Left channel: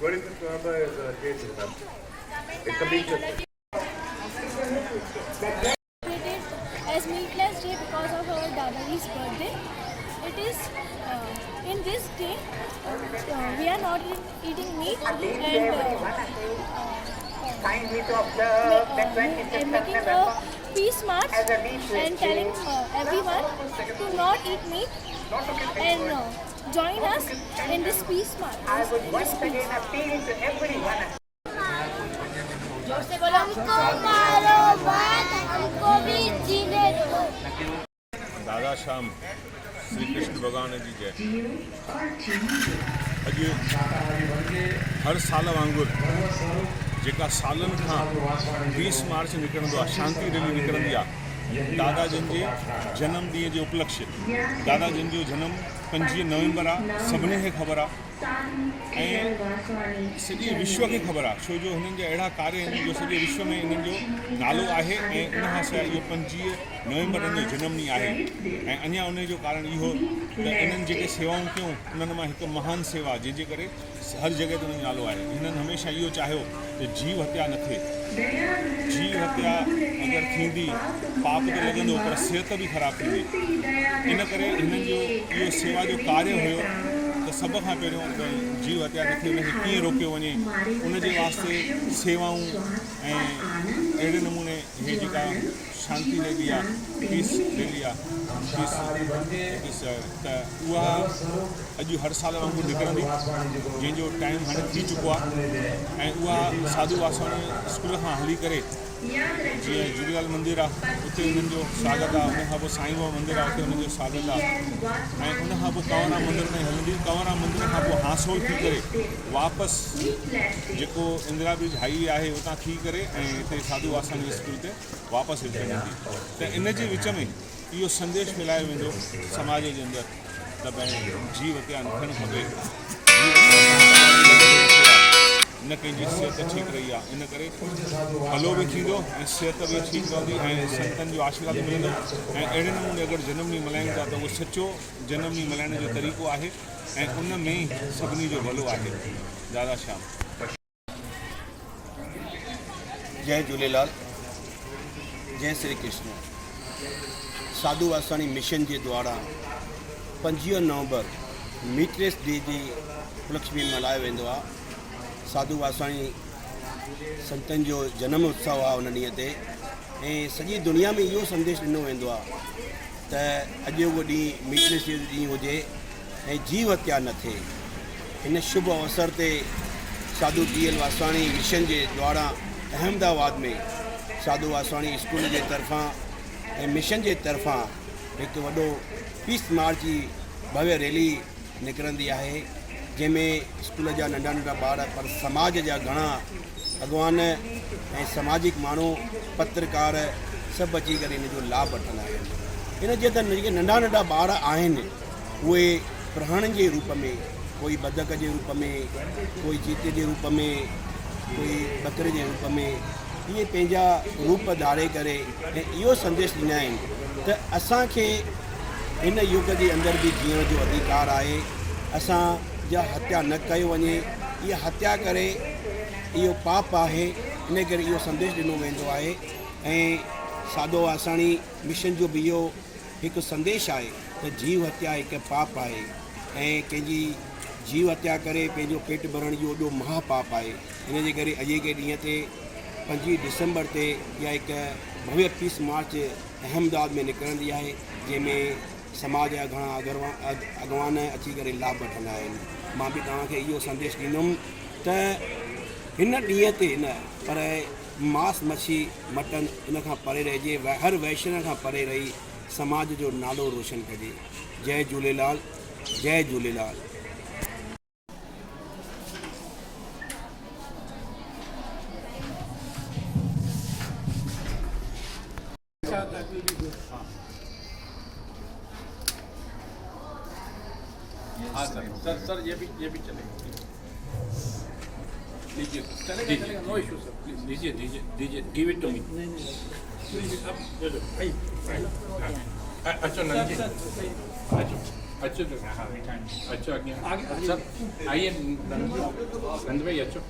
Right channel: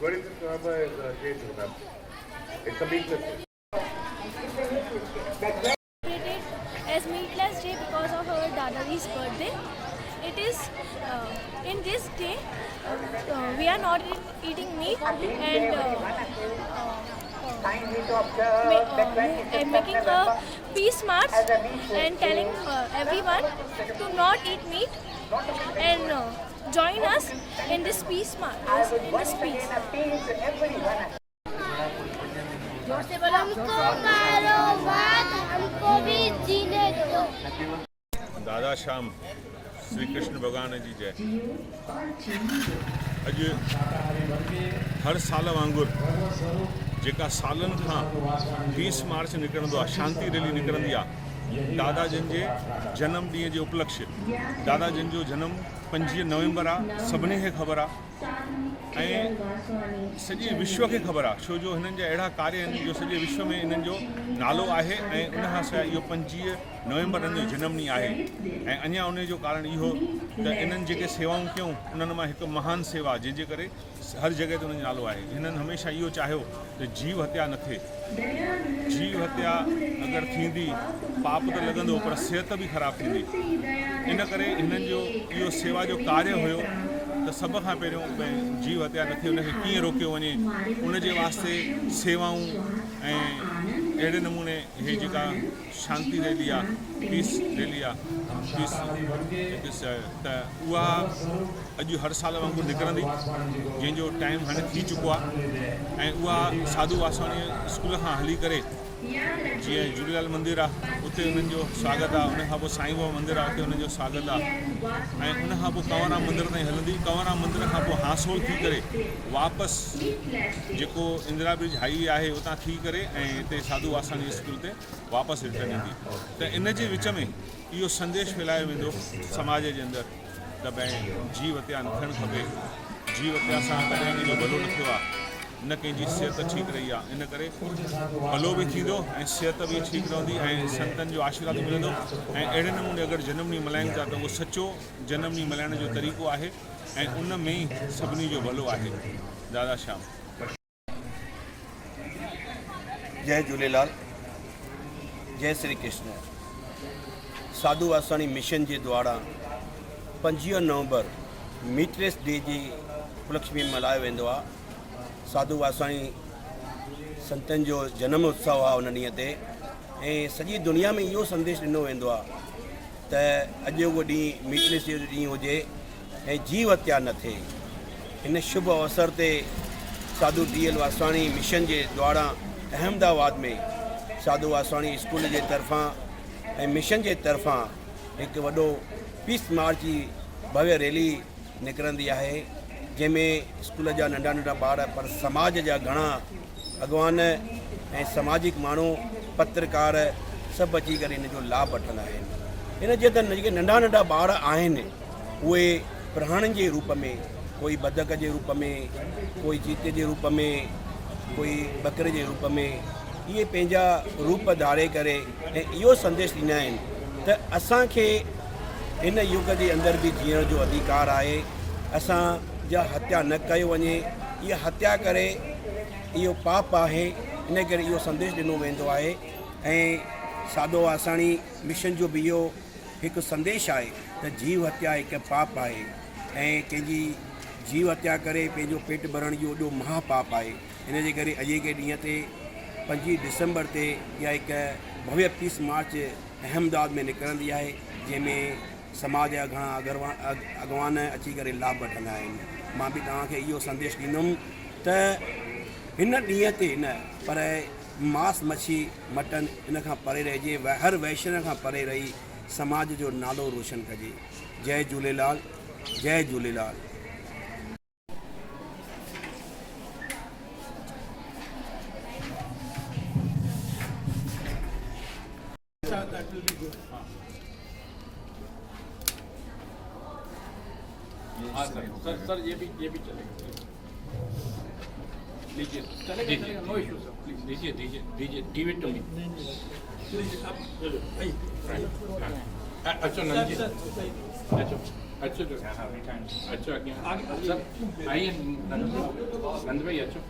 Celebrated as Meatless Day because of our Dadaji's birthday. It is in this day we are not eating meat and making a peace march and telling everyone to not eat meat and join us in this peace march. हमको मारो मत, हमको भी जीने दो। दादा श्याम श्री कृष्ण भगवान जी जय। अॼु हर साल वांगुरु जेका सालनि खां 20 मार्च निकिरंदो आहे, शांति रैली निकिरंदी आहे दादा जन जे जनम ॾींहं जे उपलक्ष्य। दादा जन जो जनम 25 नवंबर आहे, सभिनी खे ख़बर आहे ऐं सॼे विश्व खे ख़बर आहे, छो जो हिननि जा अहिड़ा कार्य आहिनि जो सॼे विश्व में इन्हनि जो नालो आहे ऐं उनखां सवाइ इहो 25 नवंबर जो जनम ॾींहुं आहे। ऐं अञा उन जो कारण इहो त इन्हनि जेके सेवाऊं कयूं उन्हनि मां हिकु महान सेवा जंहिंजे करे हर जॻह ते उनजो नालो आहे। हिननि हमेशह इहो चाहियो त जीव हत्या न थिए। जीव हत्या अगरि थींदी पाप त लॻंदो पर सिहत बि ख़राबु थींदी। इन करे हिननि जो इहो सेवा जो कार्य हुयो त सभ खां पहिरियों भई जीव हत्या न थिए, उनखे कीअं रोकियो वञे, उनजे वास्ते सेवाऊं ऐं अहिड़े नमूने इहे जेका शांति रैली आहे, पीस रैली आहे, पीस त उहा अॼु हर साल वांगुरु निकिरंदी, जंहिंजो टाइम हाणे थी चुको आहे। ऐं उहा साधू वासवाणी स्कूल खां हली करे जीअं झूलेलाल मंदिर आहे उते उन्हनि जो स्वागत आहे, उनखां पोइ साईं बाबा मंदिर आहे उते उन्हनि जो स्वागत आहे ऐं उनखां पोइ कंवरराम मंदिर ताईं हलंदी। कंवरराम मंदिर खां पोइ हासोल थी करे वापसि जेको इंदिरा ब्रिज हाईवे आहे उतां थी करे ऐं हिते साधू वासवाणी स्कूल ते वापसि रिटर्न ईंदी। त इन जे विच में इहो संदेश फैलायो वेंदो समाज जे अंदरि त भई जीव हत्या न थियणु खपे। जीव हत्या न कंहिंजी सिहत ठीकु रही आहे, इन करे भलो बि थींदो ऐं सिहत बि ठीकु रहंदी ऐं संतनि जो आशीर्वाद मिलंदो। ऐं अहिड़े नमूने अगरि जनम ॾींहुं मल्हायूं था त उहो सचो जनम ॾींहुं मल्हाइण जो तरीक़ो आहे ऐं उन में ई सभिनी जो भलो आहे। दादा श्याम। जय झूलेलाल, जय श्री कृष्ण। साधू वासवाणी मिशन जे द्वारा 25 नवंबर मीटलेस डे जी उपलक्ष्य में मल्हायो वेंदो आहे। साधू वासवाणी संतनि जो जनम उत्सव आहे उन ॾींहं ते ऐं सॼी दुनिया में इहो संदेश ॾिनो वेंदो आहे त अॼु उहो ॾींहुं मीटलेस डे ॾींहुं हुजे ऐं जीव हत्या न थिए। हिन शुभ अवसर ते साधू DL वासवाणी मिशन जे द्वारा अहमदाबाद में साधू वासवाणी स्कूल जे तरफ़ां ऐं मिशन जे तरफ़ां हिकु वॾो पीस मार्च जी भव्य रैली निकिरंदी आहे, जंहिंमें स्कूल जा नंढा नंढा ॿार पर समाज जा घणा अॻवान ऐं सामाजिक माण्हू पत्रकार सभु अची करे इन जो लाभ वठंदा आहिनि। इन जे त जेके नंढा नंढा ॿार आहिनि उहे प्राणनि जे रूप में, कोई बदक जे रूप में, कोई चीते जे रूप में, कोई बकरे जे रूप में, इहे पंहिंजा रूप धारे करे ऐं इहो संदेश ॾींदा आहिनि त असांखे हिन युग जे अंदरि बि जीअण जो अधिकार आहे। असां जा हत्या न कयो वञे, इहा हत्या करे इहो पाप आहे। इन करे इहो संदेश ॾिनो वेंदो आहे ऐं साधू वासवाणी मिशन जो बि इहो हिकु संदेश आहे त जीव हत्या हिकु पाप आहे ऐं कंहिंजी जीव हत्या करे पंहिंजो पेट भरण जो वॾो महापाप आहे। इन जे करे अॼु के ॾींहं ते 25 दिसंबर ते इहा हिकु भव्य पीस मार्च अहमदाबाद में निकिरंदी आहे, जंहिंमें समाज जा घणा अॻवान अची करे लाभ वठंदा आहिनि। मां बि तव्हांखे इहो संदेश ॾींदुमि त हिन ॾींहं ते न पर मांस मच्छी मटन इन खां परे रहिजे, हर वैष्णव खां परे रही समाज जो नालो रोशन कजे। जय झूलेलाल, जय झूलेलाल। हाँ सर ये भी चलेगा। दीजिए चलेगा, नो इशू सर, प्लीज दीजिए गिव इट टू मी। अच्छा नहीं अच्छा अच्छो तो अच्छो आगे सर आइए नंद भाई अच्छो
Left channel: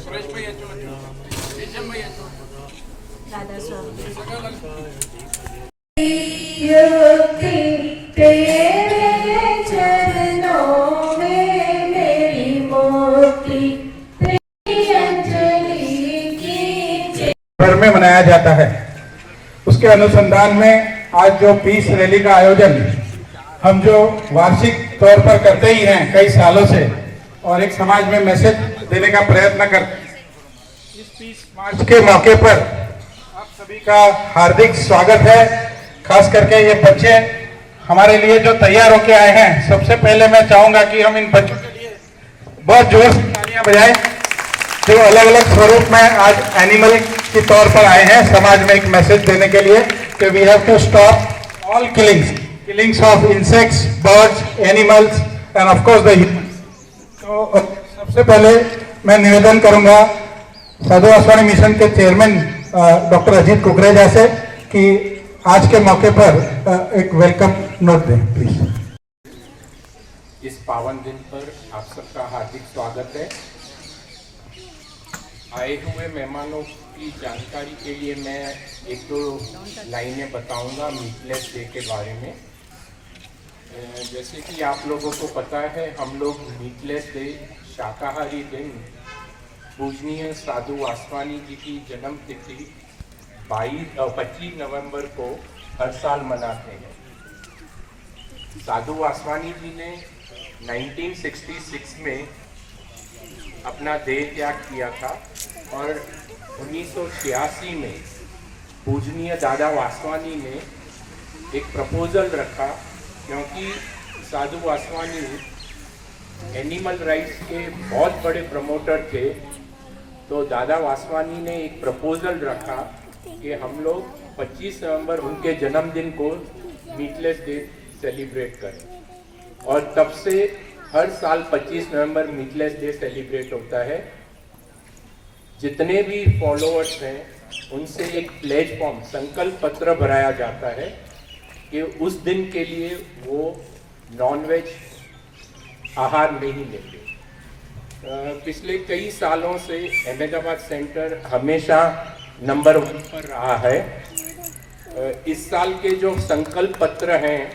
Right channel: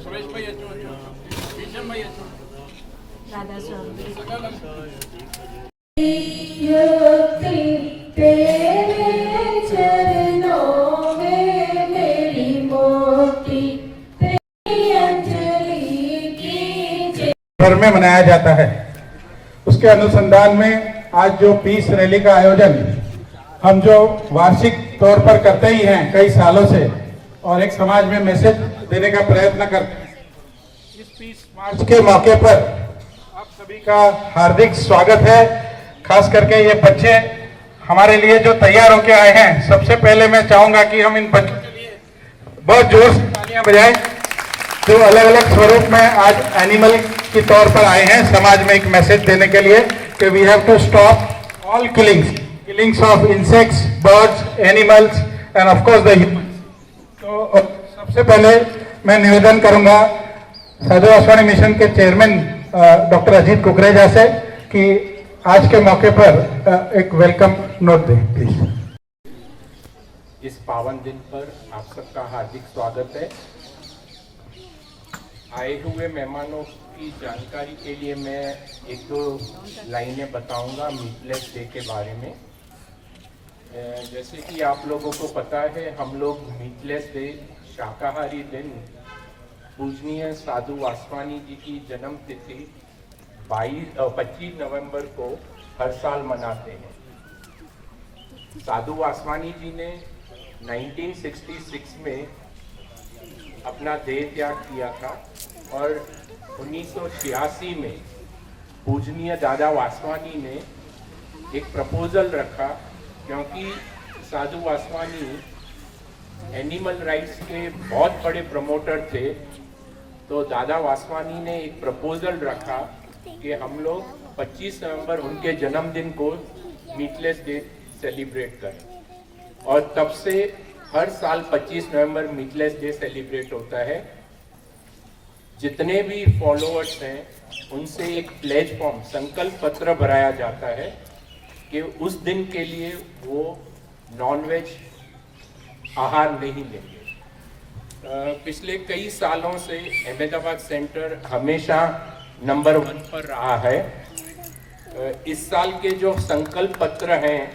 सुरेश भाई अच्छो शीशम भाई अच्छो भर में मनाया जाता है। उसके अनुसंधान में आज जो पीस रैली का आयोजन हम जो वार्षिक तौर पर करते ही हैं कई सालों से और एक समाज में मैसेज देने का प्रयत्न करते हैं, इस पीस मार्च के मौके पर आप सभी का हार्दिक स्वागत है। खास करके ये बच्चे हमारे लिए जो तैयार होके आए हैं, सबसे पहले मैं चाहूंगा कि हम इन बच्चों के लिए बहुत जोर से तालियां बजाएं, जो अलग अलग स्वरूप में आज एनिमल के तौर पर आए हैं समाज में एक मैसेज देने के लिए कि we have to stop all killings of insects, birds, animals and of course the humans. तो सबसे पहले मैं निवेदन करूंगा साधु वासवानी मिशन के चेयरमैन डॉक्टर अजीत कुकरेजा से कि आज के मौके पर एक वेलकम नोट दें प्लीज। इस पावन दिन पर आप सबका हार्दिक स्वागत है। आए हुए मेहमानों की जानकारी के लिए मैं एक दो लाइनें बताऊंगा मीटलेस डे के बारे में। जैसे कि आप लोगों को पता है, हम लोग मीटलेस डे, शाकाहारी दिन, पूजनीय साधु वासवानी जी की जन्म तिथि 25 नवंबर को हर साल मनाते हैं। साधु वासवानी जी ने 1966 में अपना देह त्याग किया था और 1986 में पूजनीय दादा वासवानी ने एक प्रपोजल रखा, क्योंकि साधु वासवानी एनिमल राइट्स के बहुत बड़े प्रमोटर थे। तो दादा वासवानी ने एक प्रपोजल रखा कि हम लोग 25 नवंबर उनके जन्मदिन को मीटलेस डे सेलिब्रेट करें, और तब से हर साल 25 नवंबर मीटलेस डे सेलिब्रेट होता है। जितने भी फॉलोअर्स हैं उनसे एक प्लेज फॉर्म, संकल्प पत्र भराया जाता है कि उस दिन के लिए वो नॉनवेज आहार नहीं लेंगे। पिछले कई सालों से अहमदाबाद सेंटर हमेशा नंबर 1 पर रहा है। इस साल के जो संकल्प पत्र हैं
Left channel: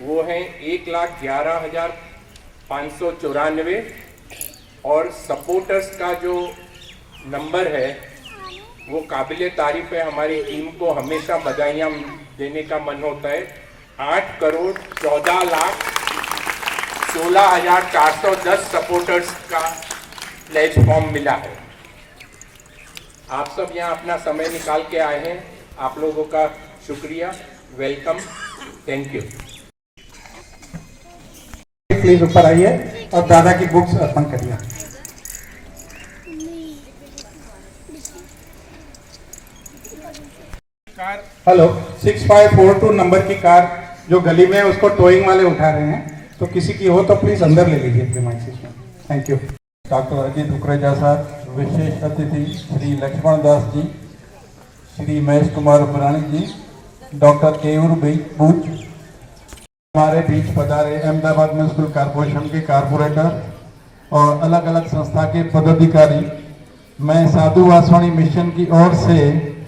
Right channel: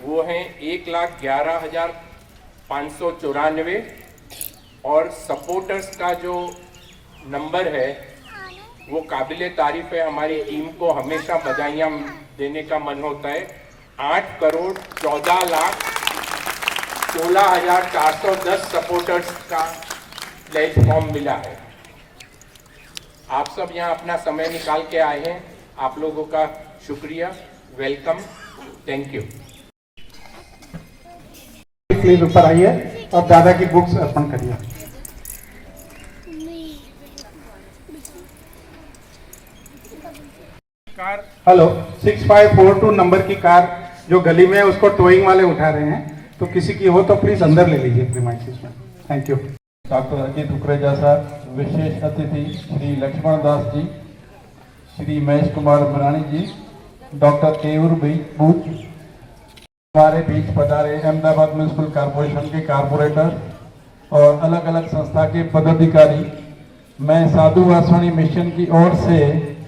वो हैं 1,11,594, और सपोर्टर्स का जो नंबर है वो काबिले तारीफ है। हमारी टीम को हमेशा बधाइयाँ देने का मन होता है। 8,14,16,410 सपोर्टर्स का प्लेज फॉर्म मिला है। आप सब यहाँ अपना समय निकाल के आए हैं, आप लोगों का शुक्रिया, वेलकम, थैंक यू। प्लीज ऊपर आइए और दादा की बुक्स अर्पण करिए। कार हेलो 6542 नंबर की कार जो गली में उसको टोइंग वाले उठा रहे हैं, तो किसी की हो तो प्लीज अंदर ले लीजिए प्रीमाइसेस में। Thank you. Doctor Ajit Kukreja साहब, विशेष अतिथि श्री लक्ष्मण दास जी, श्री महेश कुमार मरानी जी, डॉक्टर केयूर बूच, हमारे बीच पधारे अहमदाबाद म्यूनिसिपल कॉरपोरेशन के कारपोरेटर और अलग अलग संस्था के पदाधिकारी। मैं साधु वासवानी मिशन की ओर से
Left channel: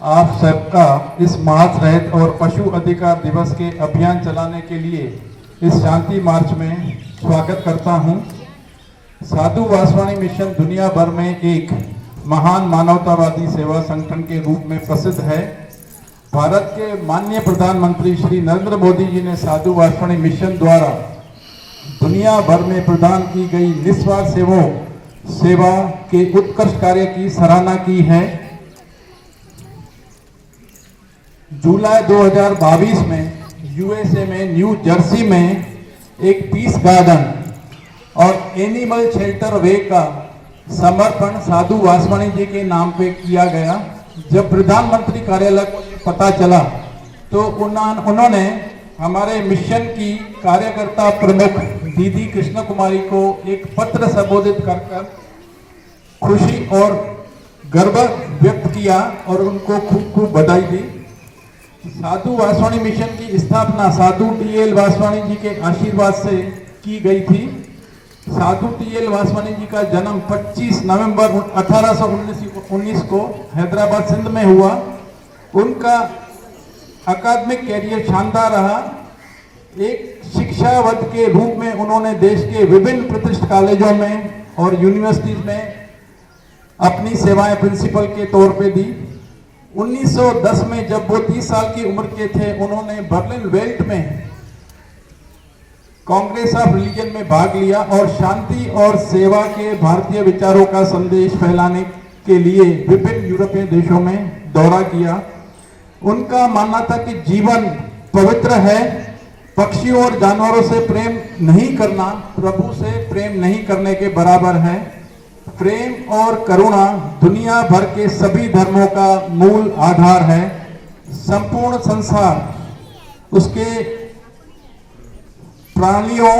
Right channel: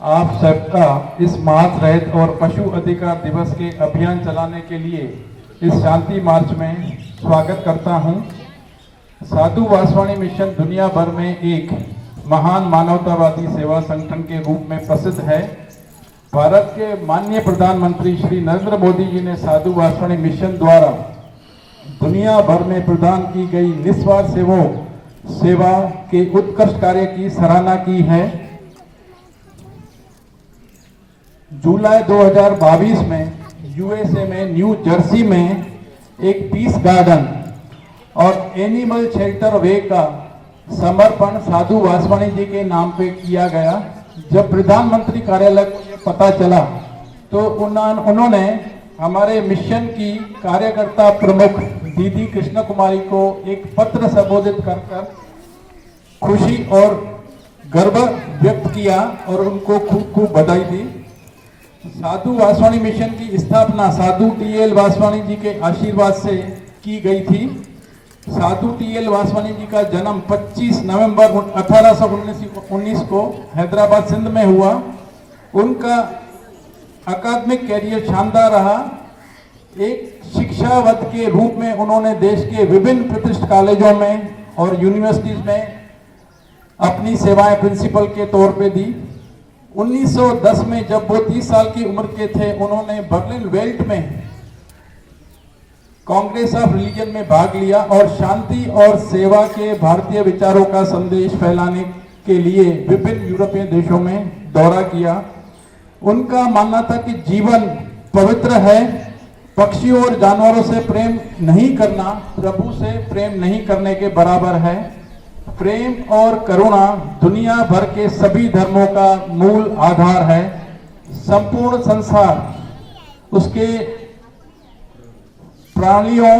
आप सबका इस मांस रहित और पशु अधिकार दिवस के अभियान चलाने के लिए इस शांति मार्च में स्वागत करता हूं। साधु वासवानी मिशन दुनिया भर में एक महान मानवतावादी सेवा संगठन के रूप में प्रसिद्ध है। भारत के माननीय प्रधानमंत्री श्री नरेंद्र मोदी जी ने साधु वासवानी मिशन द्वारा दुनिया भर में प्रदान की गई निस्वार्थ सेवा के उत्कृष्ट कार्य की सराहना की है। जुलाई 2022 में यूएसए में न्यू जर्सी में एक पीस गार्डन और एनिमल शेल्टर वे का समर्पण साधु वासवानी जी के नाम पे किया गया। जब प्रधानमंत्री कार्यालय को ये पता चला तो उन्होंने हमारे मिशन की कार्यकर्ता प्रमुख दीदी कृष्ण कुमारी को एक पत्र संबोधित कर खुशी और गर्व व्यक्त किया और उनको खूब खूब बधाई दी। साधु वासवानी मिशन की स्थापना साधु टी.एल. वासवानी जी के आशीर्वाद से की गई थी। साधु टी.एल. वासवानी जी का जन्म 25 नवंबर 1819 को हैदराबाद सिंध में हुआ। उनका अकादमिक कैरियर शानदार रहा। एक शिक्षाविद के रूप में उन्होंने देश के विभिन्न प्रतिष्ठित कॉलेजों में और यूनिवर्सिटीज में अपनी सेवाएं प्रिंसिपल के तौर पे दी। 1910 में जब वो 30 साल की उम्र के थे, उन्होंने बर्लिन वेल्ट में कांग्रेस ऑफ रिलीजन में भाग लिया और शांति और सेवा के भारतीय विचारों का संदेश फैलाने के लिए विभिन्न यूरोपीय देशों में दौरा किया। उनका मानना था कि जीवन पवित्र है, पक्षियों और जानवरों से प्रेम नहीं करना प्रभु से प्रेम नहीं करने के बराबर है। प्रेम और करुणा दुनिया भर के सभी धर्मों का मूल आधार है। संपूर्ण संसार उसके प्राणियों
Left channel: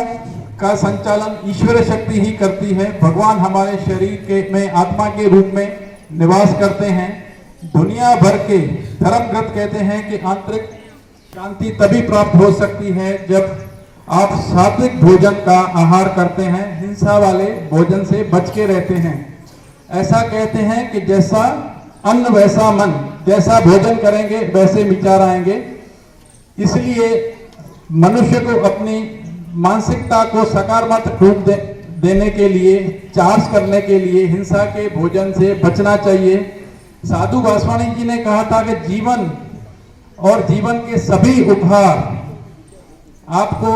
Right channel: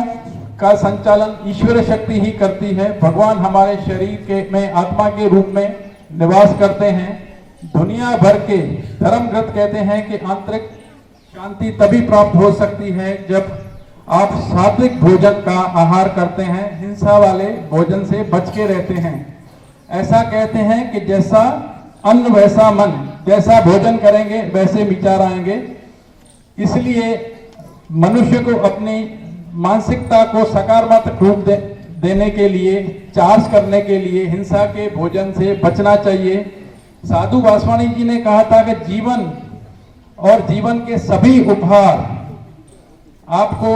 का संचालन ईश्वर शक्ति ही करती है। भगवान हमारे शरीर के में आत्मा के रूप में निवास करते हैं। दुनिया भर के धर्मग्रंथ कहते हैं कि आंतरिक शांति तभी प्राप्त हो सकती है जब आप सात्विक भोजन का आहार करते हैं, हिंसा वाले भोजन से बच के रहते हैं। ऐसा कहते हैं कि जैसा अन्न वैसा मन, जैसा भोजन करेंगे वैसे विचार आएंगे। इसलिए मनुष्य को अपनी मानसिकता को सकारात्मक रूप देने के लिए, चार्ज करने के लिए हिंसा के भोजन से बचना चाहिए। साधु वासवानी जी ने कहा था कि जीवन और जीवन के सभी उपहार आपको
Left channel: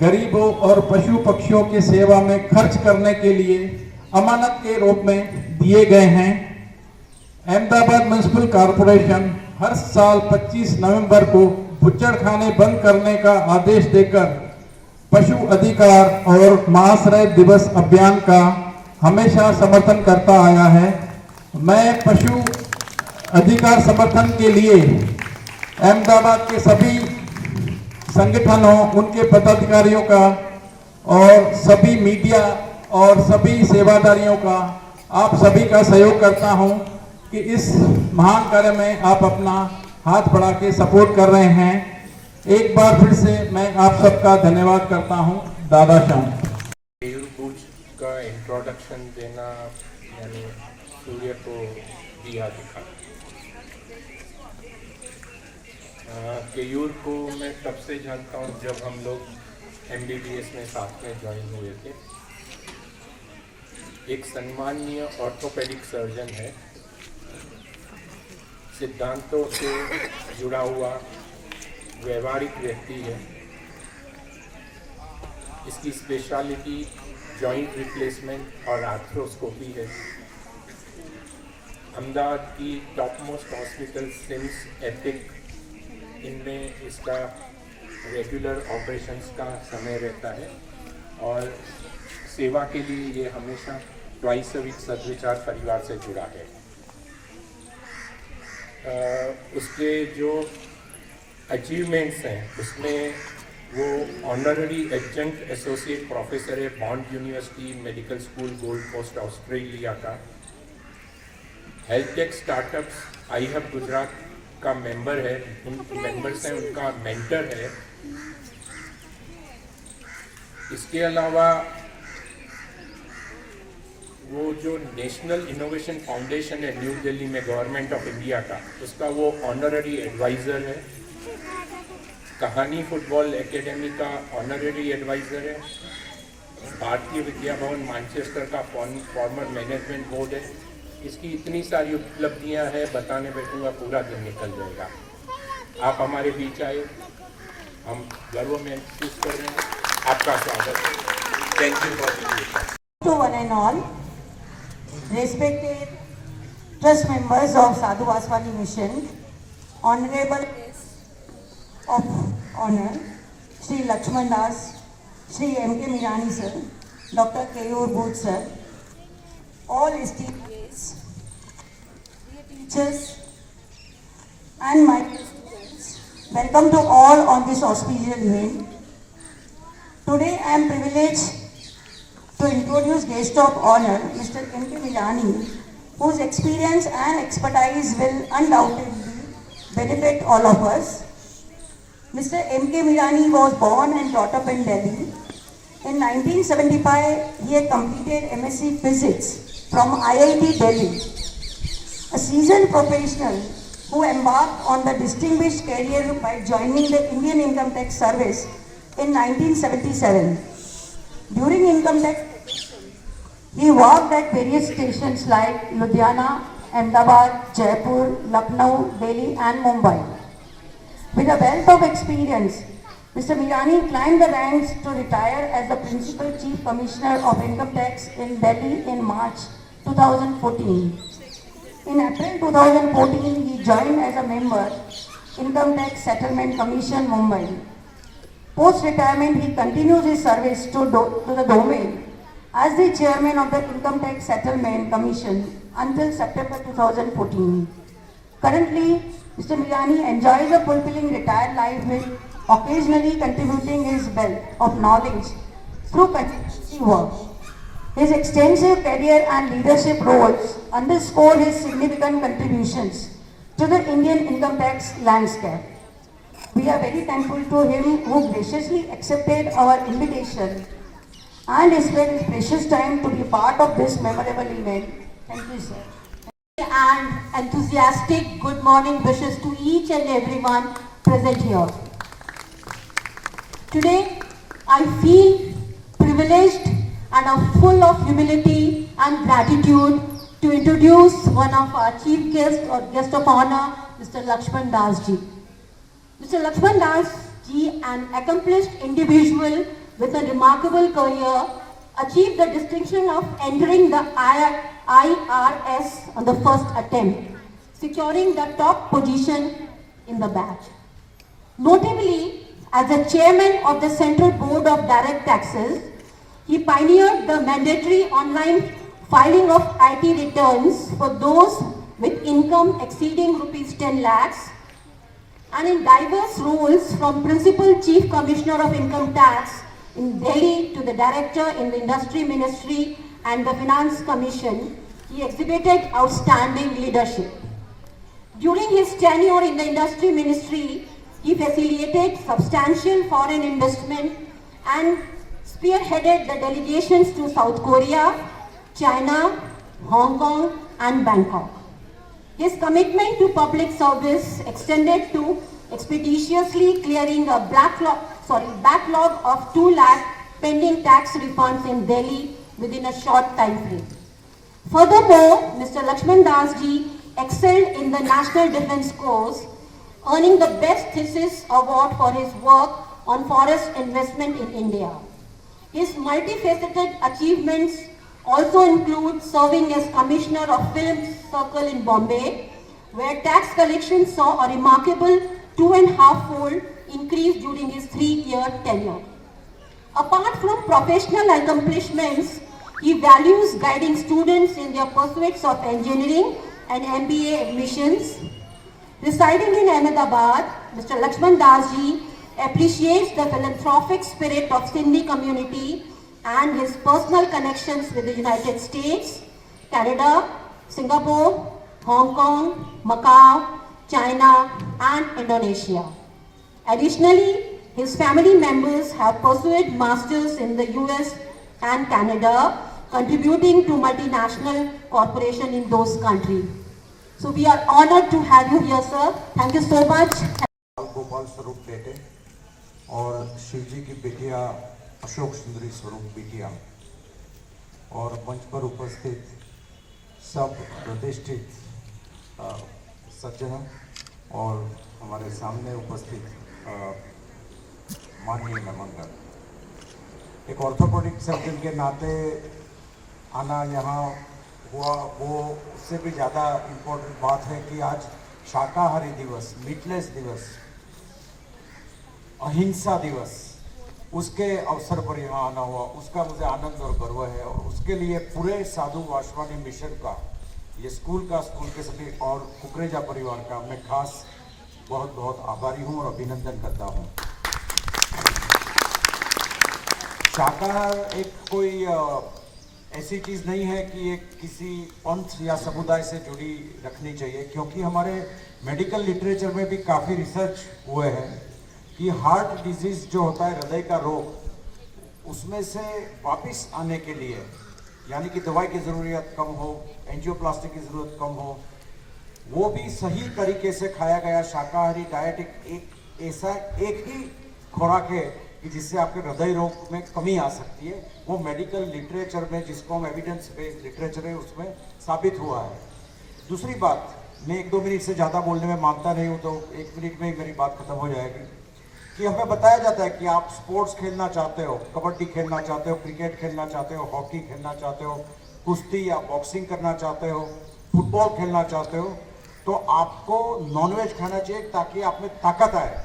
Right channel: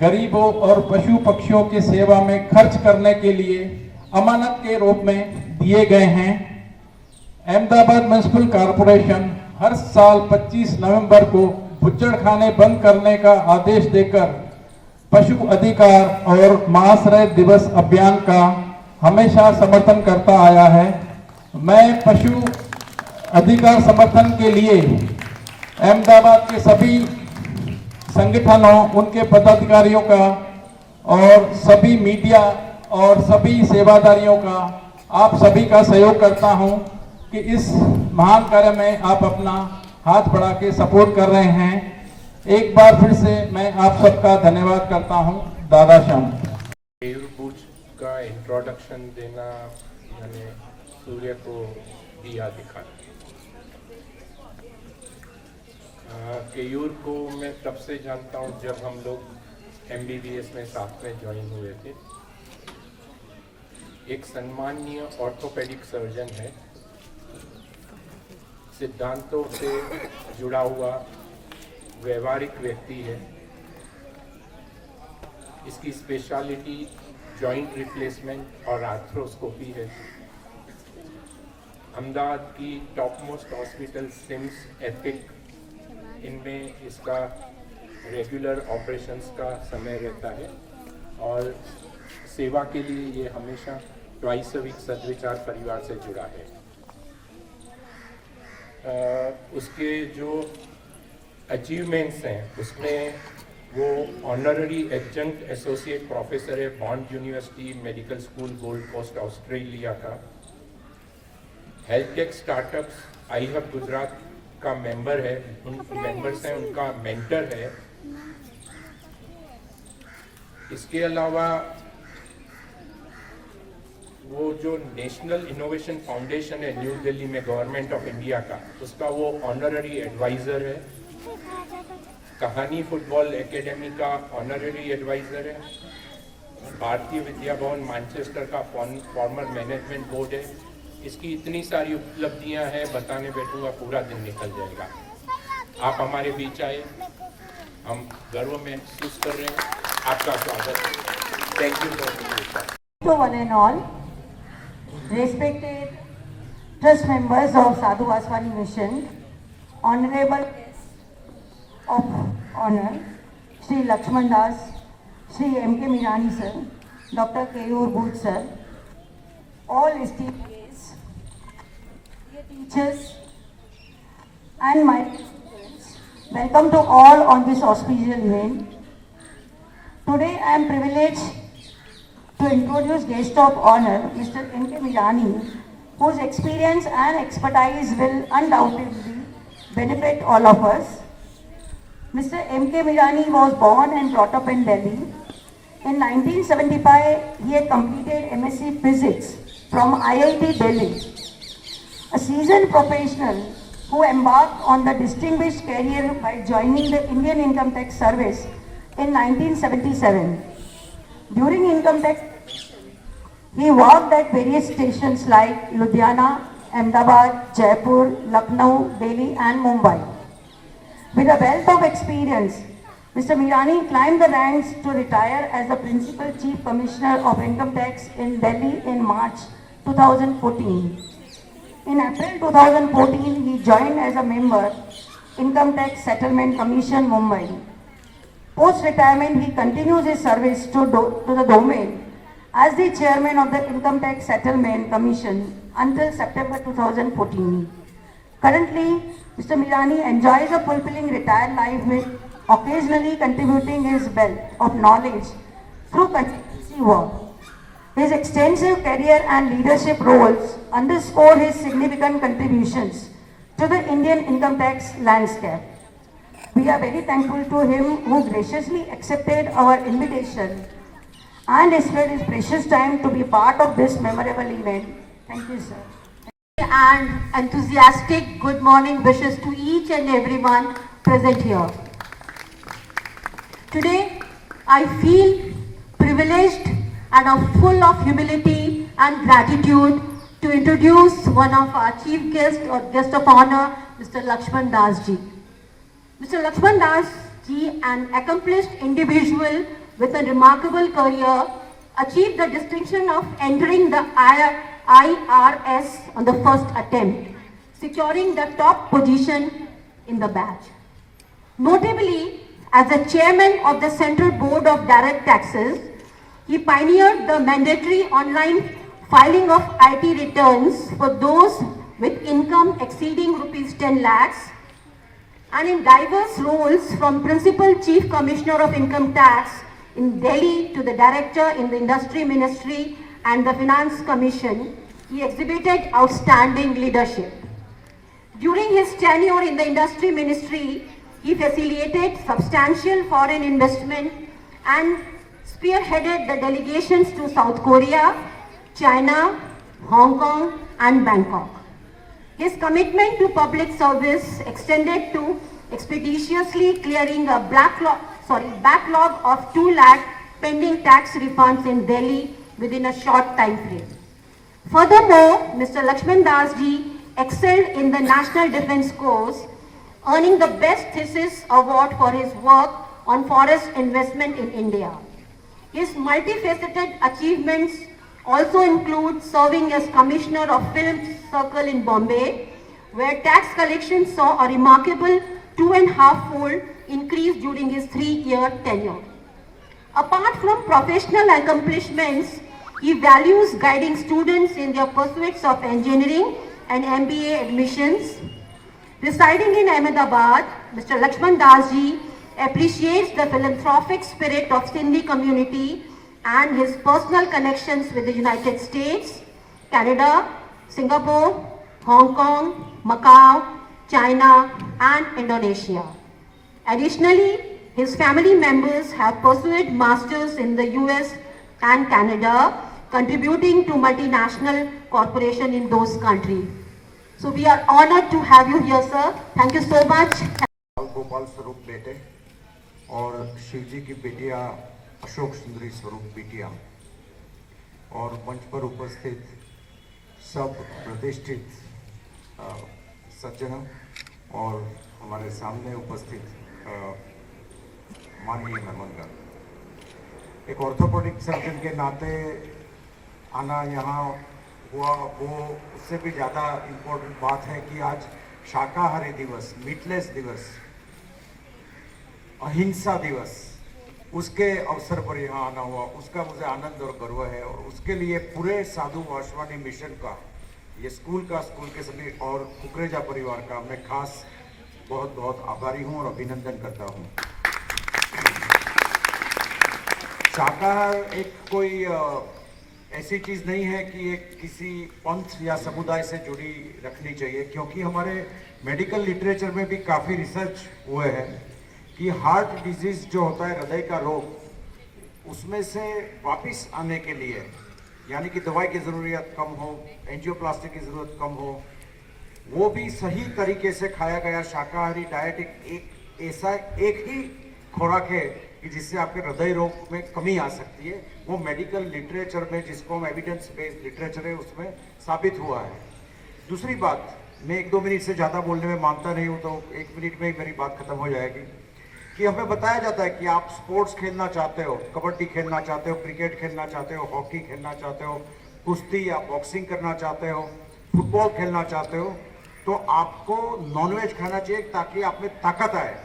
गरीबों और पशु पक्षियों की सेवा में खर्च करने के लिए अमानत के रूप में दिए गए हैं। अहमदाबाद म्युनिसिपल कॉरपोरेशन हर साल 25 नवंबर को बुच्चड़खाने बंद करने का आदेश देकर पशु अधिकार और महाश्रय दिवस अभियान का हमेशा समर्थन करता आया है। मैं पशु अधिकार समर्थन के लिए अहमदाबाद के सभी संगठनों, उनके पदाधिकारियों का और सभी मीडिया और सभी सेवादारियों का, आप सभी का सहयोग करता हूं कि इस महान कार्य में आप अपना हाथ बढ़ा के सपोर्ट कर रहे हैं। एक बार फिर से मैं आप सबका धन्यवाद करता हूं। दादा श्याम का इंट्रोडक्शन देना मैंने सूर्य को दिया दिखा। केयूर को मैं तब से जानता हूँ जब हम लोग MBBS में साथ में ज्वाइन हुए थे। एक सम्माननीय ऑर्थोपेडिक सर्जन है, सिद्धांतों से जुड़ा हुआ व्यवहारिक व्यक्ति है। इसकी स्पेशलिटी जॉइंट रिप्लेसमेंट और आर्थ्रोस्कोपी है। अहमदाबाद की top most hospital CIMS, Epic, इनमें इसका रेगुलर ऑपरेशंस का समय रहता है और सेवा के लिए ये हमेशा ट्वाइस अ वीक सद्विचार परिवार से जुड़ा है। उसके जो अचीवमेंट्स हैं उसमें वो ऑनररी एडजंक्ट एसोसिएट प्रोफेसर है Bond university medical school Gold Coast Australia का। Health tech startups I hub Gujarat का मेंबर है, उन मेंबर्स हैं, उनका मेंटर है। इसके अलावा वो जो नेशनल इनोवेशन फाउंडेशन है न्यू दिल्ली में गवर्नमेंट ऑफ इंडिया का, उसका वो ऑनररी एडवाइज़र है। कहानी फुटबॉल एकेडमी का ऑनररी एडवाइज़र है। भारतीय विद्या भवन मैनचेस्टर का फॉर्मर मैनेजमेंट बोर्ड है। इसकी इतनी सारी उपलब्धियां हैं, बताने बैठूंगा पूरा दिन निकल जाएगा। आप हमारे बीच आए, हम गर्व महसूस कर रहे हैं। आपका स्वागत है। Thank you for being with us. To one and all, respected trust members of Sadhu Vaswani Mission, Honorable of Honor, Shri Lakshman Das, Shri M.K. Mirani sir, Dr. Keyur Booth sir, all esteemed guests, dear teachers and my students, welcome to all on this auspicious event. Today I am privileged to introduce guest of honor, Mr. M.K. Mirani, whose experience and expertise will undoubtedly benefit all of us. Mr. M.K. Mirani was born and brought up in Delhi. In 1975, he had completed MSc Physics from IIT Delhi. A seasoned professional who embarked on the distinguished career by joining the Indian Income Tax Service in 1977. During income tax, he worked at various stations like Ludhiana, Ahmedabad, Jaipur, Lucknow, Delhi and Mumbai. With a wealth of experience, Mr. Mirani climbed the ranks to retire as the Principal Chief Commissioner of Income Tax in Delhi in March 2014. In April 2014, he joined as a member Income Tax Settlement Commission, Mumbai. Post-retirement, he continues his service to the domain as the chairman of the Income Tax Settlement Commission until September 2014. Currently, Mr. Mirani enjoys a fulfilling retired life with occasionally contributing his wealth of knowledge through consultancy work. His extensive career and leadership roles underscore his significant contributions to the Indian income tax landscape. We are very thankful to him who graciously accepted our invitation and spared his precious time to be part of this memorable event. Thank you, sir. And enthusiastic good morning wishes to each and everyone present here. Today, I feel privileged and are full of humility and gratitude to introduce one of our chief guests or guest of honor, Mr. Lakshman Das ji. Mr. Lakshman Das ji, an accomplished individual with a remarkable career, achieved the distinction of entering the IRS on the first attempt, securing the top position in the batch. Notably, as the chairman of the Central Board of Direct Taxes, he pioneered the mandatory online filing of IT returns for those with income exceeding rupees 10 lakhs, and in diverse roles from Principal Chief Commissioner of Income Tax in Delhi to the Director in the Industry Ministry and the Finance Commission, he exhibited outstanding leadership. During his tenure in the Industry Ministry, he facilitated substantial foreign investment and spearheaded the delegations to South Korea, China, Hong Kong and Bangkok. His commitment to public service extended to expeditiously clearing a backlog of 2 lakh pending tax refunds in Delhi within a short time frame. Furthermore, Mr. Lakshman Das ji excelled in the National Defence Course, earning the Best Thesis Award for his work on forest investment in India. His multifaceted achievements also include serving as Commissioner of Film Circle in Bombay, where tax collection saw a remarkable 2.5-fold increase during his 3-year tenure. Apart from professional accomplishments, he values guiding students in their pursuits of engineering and MBA admissions. Residing in Ahmedabad, Mr. Lakshman Das ji appreciates the philanthropic spirit of Sindhi community and his personal connections with the United States, Canada, Singapore, Hong Kong, Macau, China and Indonesia. Additionally, his family members have pursued masters in the US and Canada, contributing to multinational corporations in those countries. So we are honored to have you here, sir. Thank you so much. Gopal स्वरूप बेटे और शिवजी की बेटिया अशोक सुंदरी स्वरूप बेटिया और मंच पर उपस्थित सब प्रतिष्ठित सज्जन और हमारे सामने उपस्थित माननीय मेहमानगण, एक ऑर्थोपेडिक सर्जन के नाते आना यहाँ हुआ, वो उससे भी ज़्यादा इम्पोर्टेंट बात है कि आज शाकाहारी दिवस, मीटलेस दिवस, अहिंसा दिवस, उसके अवसर पर यहाँ आना हुआ, उसका मुझे आनंद और गर्व है। और उसके लिए पूरे साधु वासवानी मिशन का, ये स्कूल के सभी और कुकरेजा परिवार का मैं खास बहुत बहुत आभारी हूँ और अभिनंदन करता हूँ। शाकाहार एक कोई ऐसी चीज़ नहीं है कि एक किसी पंथ या समुदाय से जुड़ी रखनी चाहिए, क्योंकि हमारे मेडिकल लिटरेचर में भी काफ़ी रिसर्च हुए हैं कि हार्ट डिजीज जो होता है, हृदय का रोग, उसमें से वापस आने के लिए, यानी कि दवाई की ज़रूरत कम हो, एंजियोप्लास्टी की ज़रूरत कम हो, वो भी सही तरीके से खाया गया शाकाहारी डाइट एक ऐसा एक ही खुराक है कि जिससे आपके हृदय रोग में कमी आ सकती है। वो मेडिकल लिटरेचर में, जिसको हम एविडेंस बेस्ड लिटरेचर है, उसमें साबित हुआ है। दूसरी बात, मैं 1-2 मिनट से ज़्यादा बोलने में मानता नहीं हूँ, तो 1 मिनट में ही मेरी बात खत्म हो जाएगी। कि हमें बताया जाता है कि आप स्पोर्ट्स खेलना चाहते हो, कबड्डी खेलना चाहते हो, क्रिकेट खेलना चाहते हो, हॉकी खेलना चाहते हो, कुश्ती या बॉक्सिंग करना चाहते हो, फुटबॉल खेलना चाहते हो, तो आपको नॉनवेज खाना चाहिए ताकि आप में ताकत आए।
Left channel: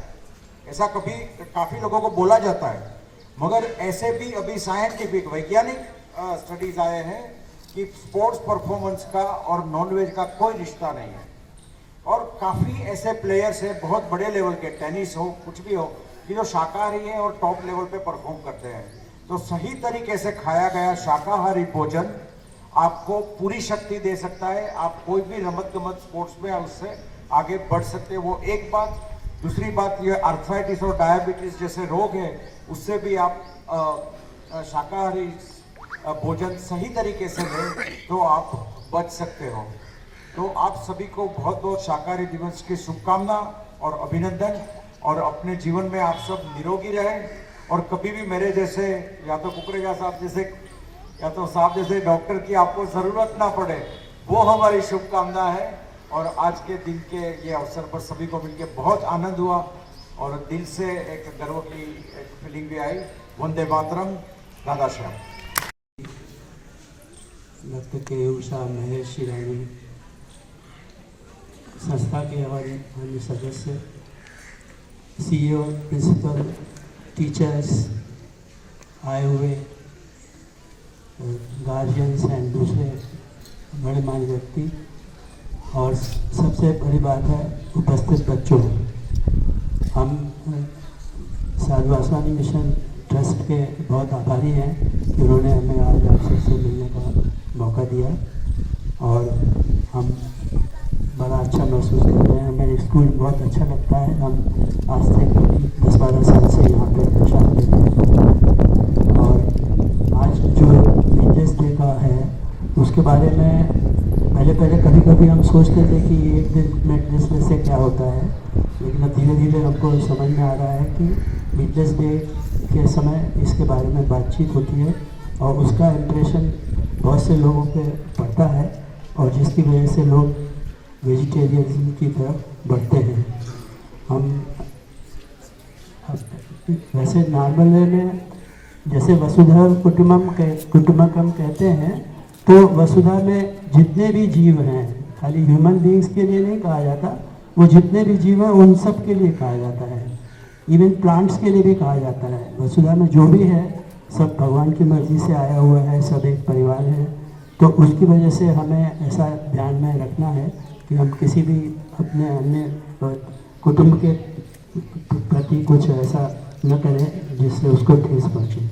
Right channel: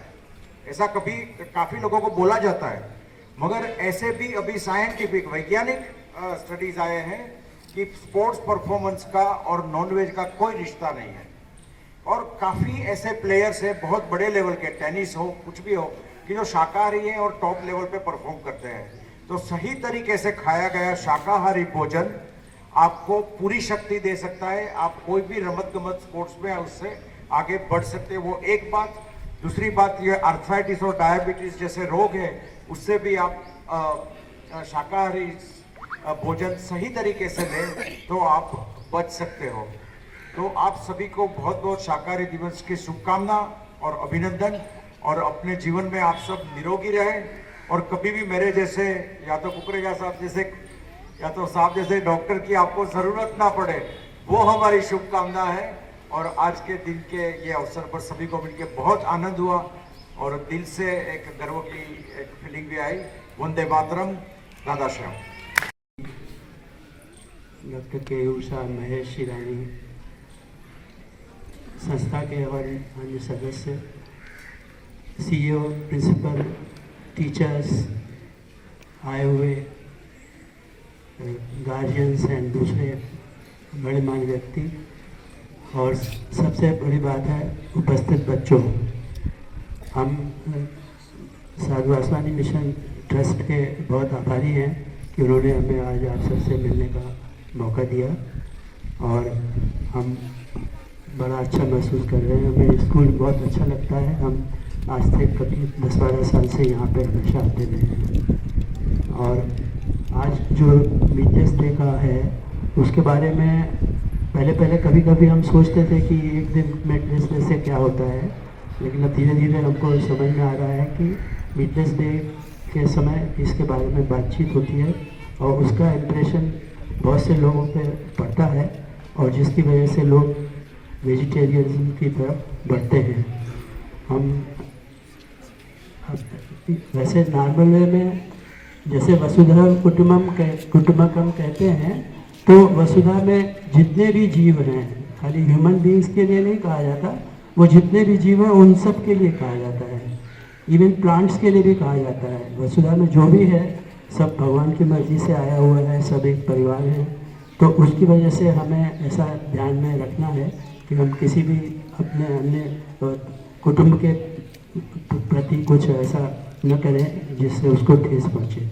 ऐसा कभी काफ़ी लोगों को बोला जाता है, मगर ऐसे भी अभी साइंटिफिक वैज्ञानिक स्टडीज आए हैं कि स्पोर्ट्स परफॉर्मेंस का और नॉनवेज का कोई रिश्ता नहीं है। और काफ़ी ऐसे प्लेयर्स हैं बहुत बड़े लेवल के, टेनिस हो, कुछ भी हो, कि जो शाकाहारी हैं और टॉप लेवल पे परफॉर्म करते हैं। तो सही तरीके से खाया गया शाकाहारी भोजन आपको पूरी शक्ति दे सकता है। आप कोई भी रमत गमत स्पोर्ट्स में उससे आगे बढ़ सकते हैं, वो एक बात। दूसरी बात, ये आर्थराइटिस और डायबिटीज जैसे रोग है, उससे भी आप शाकाहारी भोजन सही तरीके से लें तो आप बच सकते हो। तो आप सभी को बहुत बहुत शाकाहारी दिवस की शुभकामना और अभिनंदन, और अपने जीवन में आप सब निरोगी रहें, और कभी भी मेरे जैसे या तो कुकरेजा साहब जैसे या तो साहब जैसे डॉक्टर की आपको ज़रूरत ना पड़े, वो हमारी शुभकामना है। और आज के दिन के ये अवसर पर सभी को मिलकर बहुत आनंद हुआ और दिल से एक गर्व की एक फीलिंग भी आई। वंदे मातरम, राधा श्याम। डॉक्टर केयूर साहब, महेश शिरानी, संस्था के हमारे अन्य सदस्य, CEO, प्रिंसिपल, टीचर्स, आए हुए गार्जियंस एंड दूसरे बड़े मान व्यक्ति, और सबसे बड़ी बात है उपस्थित बच्चों। हम साधु वासवानी मिशन ट्रस्ट के बहुत आभारी हैं कि उन्होंने हमें आज आप सबसे मिलने का मौका दिया, और हम बड़ा अच्छा महसूस कर रहे हैं। हमें स्कूल बहुत अच्छा लगता है। हम आज से करीब 10-12 साल से यहाँ पे प्रसाद देते हैं, और आज जो मीटलेस डे का है उसके बारे में पहले कभी कभी हम सोचते थे कि एक दिन मीटलेस से क्या होता है, लेकिन अब धीरे धीरे हमको समझ में आ रहा है कि मीटलेस डे के समय इसके बारे में बातचीत होती है, और उसका इम्प्रेशन बहुत से लोगों पे पड़ता है, और जिसकी वजह से लोग वेजिटेरियनिज्म की तरफ बढ़ते हैं। हम वैसे नॉर्मल वे में जैसे वसुधैव कुटुम्बकम कहते हैं, तो वसुधा में जितने भी जीव हैं, खाली ह्यूमन बीइंग्स के लिए नहीं कहा जाता, वो जितने भी जीव हैं उन सब के लिए कहा जाता है। इवन प्लांट्स के लिए भी कहा जाता है। वसुधा में जो भी है सब भगवान की मर्जी से आया हुआ है, सब एक परिवार है। तो उसकी वजह से हमें ऐसा ध्यान में रखना है कि हम किसी भी अपने अन्य कुटुंब के प्रति कुछ ऐसा न करें जिससे उसको ठेस पहुँचे।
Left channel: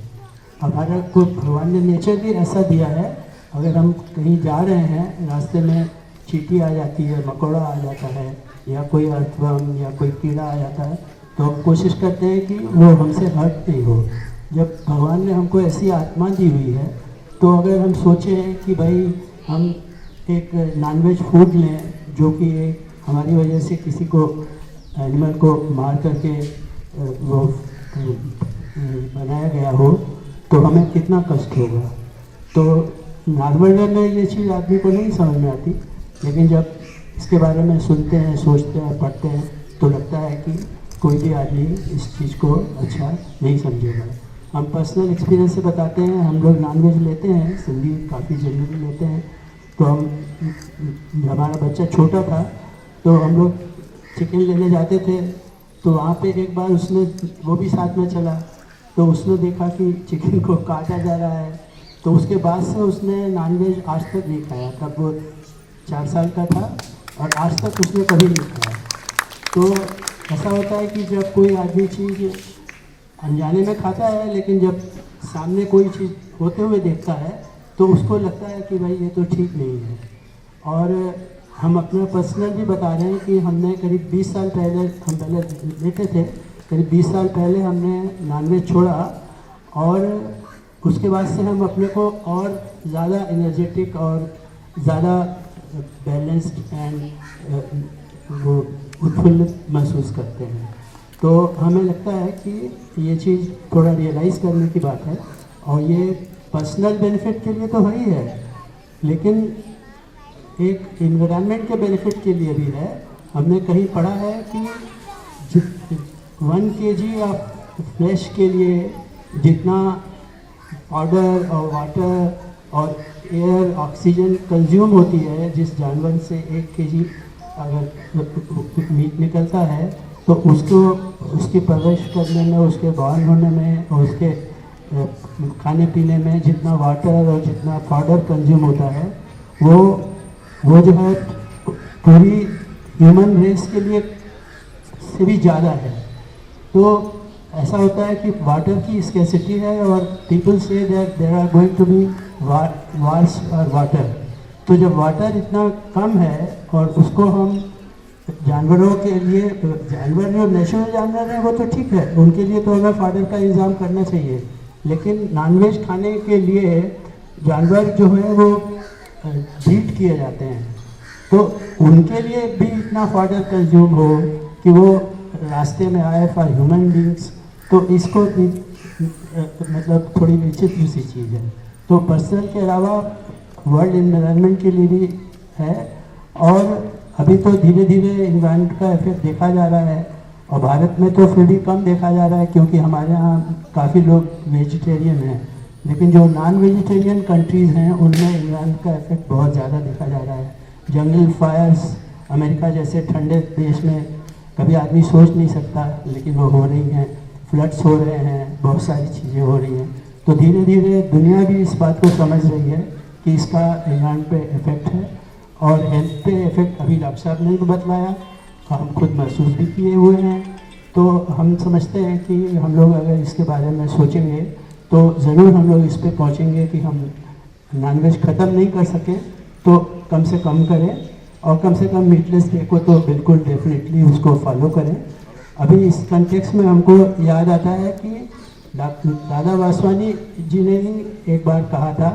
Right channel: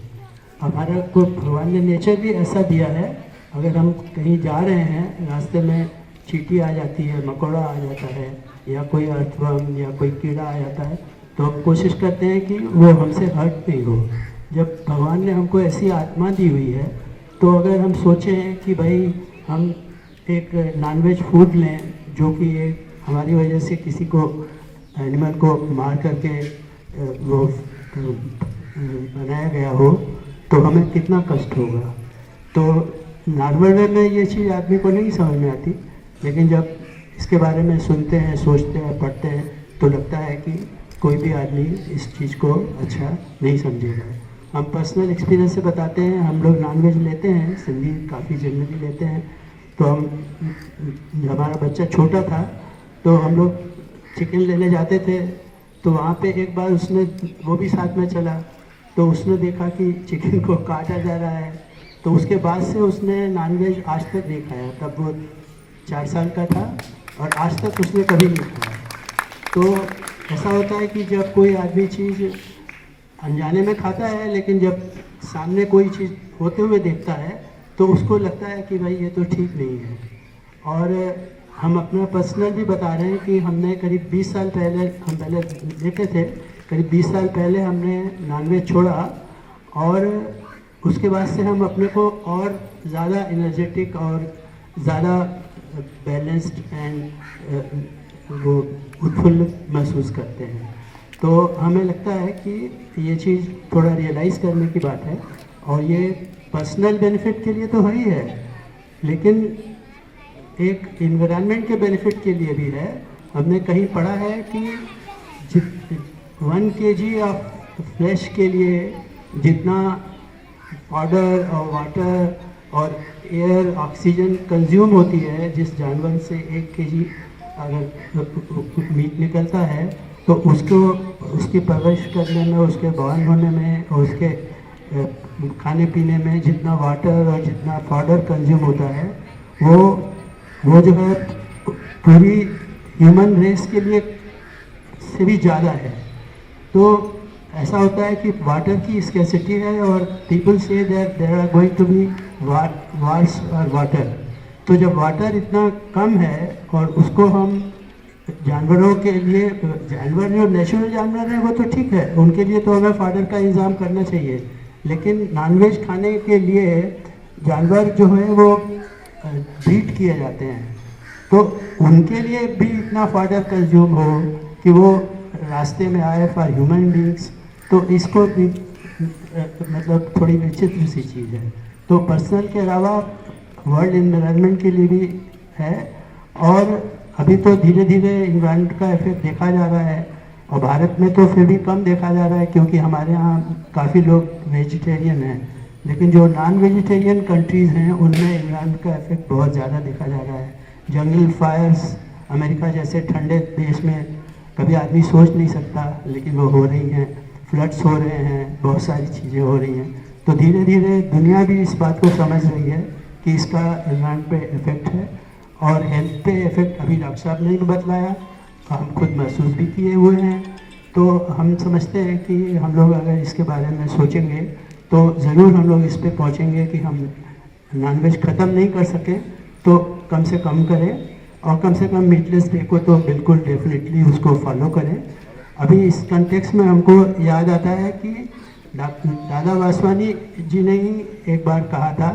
हमारा को भगवान ने नेचर भी ऐसा दिया है, अगर हम कहीं जा रहे हैं, रास्ते में चींटी आ जाती है, मकोड़ा आ जाता है, या कोई अर्थवर्म या कोई कीड़ा आ जाता है, तो हम कोशिश करते हैं कि वो हमसे हर्ट नहीं हो। जब भगवान ने हमको ऐसी आत्मा दी हुई है, तो अगर हम सोचें कि भाई हम एक नॉनवेज फूड लें जो कि एक हमारी वजह से किसी को एनिमल को मार करके वो बनाया गया हो, तो हमें कितना कष्ट होगा। तो नॉर्मल वे में ये चीज़ आदमी को नहीं समझ में आती, लेकिन जब इसके बारे में सुनते हैं, सोचते हैं, पढ़ते हैं, तो लगता है कि कोई भी आदमी इस चीज़ को अच्छा नहीं समझेगा। हम पर्सनल एक्सपीरियंस से बताते हैं, हम लोग नॉनवेज लेते हैं, सिंधी काफ़ी जनरली लेते हैं। तो हमारा बच्चा छोटा था तो हम लोग चिकन लेने जाते थे, तो वहाँ पे एक बार उसने, वो भी साथ में चला, तो उसने देखा कि चिकन को काटा जा रहा है, तो उसके बाद से उसने नॉनवेज आज तक नहीं खाया। तब वो 4 साल का था और आज तक उसने कभी नहीं खाया। तो ऐसा होता है कि जब कोई आदमी चीज़ अनजाने में खाता है, लेकिन जब सामने कोई चीज़ होते हुए देखता है तो उसको लगता है कि भाई ये तो ठीक नहीं है। और हम अपना पर्सनल भी बता रहे हैं कि हमने करीब 20 साल पहले हम लेते थे, करीब 20 साल पहले हमने नॉनवेज छोड़ा और उसके बाद से हम अपने को और ज़्यादा एनर्जेटिक और ज़्यादा बैलेंस्ड एंड वो उत्फुल्लित महसूस करते हैं। तो हमें लगता है कि ये चीज़ थोड़ा रियलाइज़ करने की बात है और ये पर्सनल बेनिफिट के लिए तो है ही है, लेकिन एक इन्वायरमेंट के बेनिफिट के लिए भी है। हमने कहीं पढ़ा है कि 1 kg ऑफ फ्लैश के लिए जितना पाउडर और वाटर और एयर ऑक्सीजन कंज्यूम होती है, जिस जानवर से 1 kg अगर मीट निकलता है तो उसको उसकी परवरिश करने में, उसके बॉयल होने में और उसके खाने पीने में जितना वाटर और जितना पाउडर कंज्यूम होता है वो जो है पूरी ह्यूमन रेस के लिए से भी ज़्यादा है। तो ऐसा होता है कि वाटर की स्कैसिटी है और people say that there are going to be wars और वाटर। तो जब वाटर इतना कम है और उसको हम जानवरों के लिए, जानवर जो नेचुरल जानवर हैं वो तो ठीक है, उनके लिए तो हमें पाउडर का इंतज़ाम करना चाहिए, लेकिन नॉनवेज खाने के लिए जानवर जो है वो ब्रीड किए जाते हैं, तो उनके लिए भी इतना पाउडर कंज्यूम हो कि वो रास्ते में आए फॉर ह्यूमन बींग्स, तो इसको भी मतलब थोड़ी विचित्र सी चीज़ है। तो पर्सनल के अलावा वर्ल्ड एनवायरनमेंट के लिए भी है और अभी तो धीरे धीरे एनवायरनमेंट का इफेक्ट देखा जा रहा है और भारत में तो फिर भी कम देखा जा रहा है क्योंकि हमारे यहाँ काफ़ी लोग वेजिटेरियन हैं, लेकिन जो नॉन वेजिटेरियन कंट्रीज़ हैं उनमें एनवायरनमेंट का इफेक्ट बहुत ज़्यादा देखा जा रहा है। जंगल फायर्स अमेरिका जैसे ठंडे देश में कभी आदमी सोच नहीं सकता, लेकिन वो हो रही हैं, फ्लड्स हो रहे हैं, बहुत सारी चीज़ें हो रही हैं। तो धीरे धीरे दुनिया भी इस बात को समझ रही है कि इसका एनवायरनमेंट पे इफेक्ट है और हेल्थ पे इफेक्ट अभी डॉक्टर साहब ने भी बतलाया, हम खुद महसूस भी किए हुए हैं। तो हम समझते हैं कि हम लोग अगर इसके बारे में सोचेंगे तो ज़रूर हम लोग इस पे पहुँचेंगे कि हम नॉनवेज ख़त्म नहीं कर सकें तो कम से कम करें और कम से कम मीटलेस डे को तो बिल्कुल डेफिनेटली उसको फॉलो करें। अभी इस कंटेक्स्ट में हमको याद आता है कि दादा वासवानी जी ने ही एक बार कहा था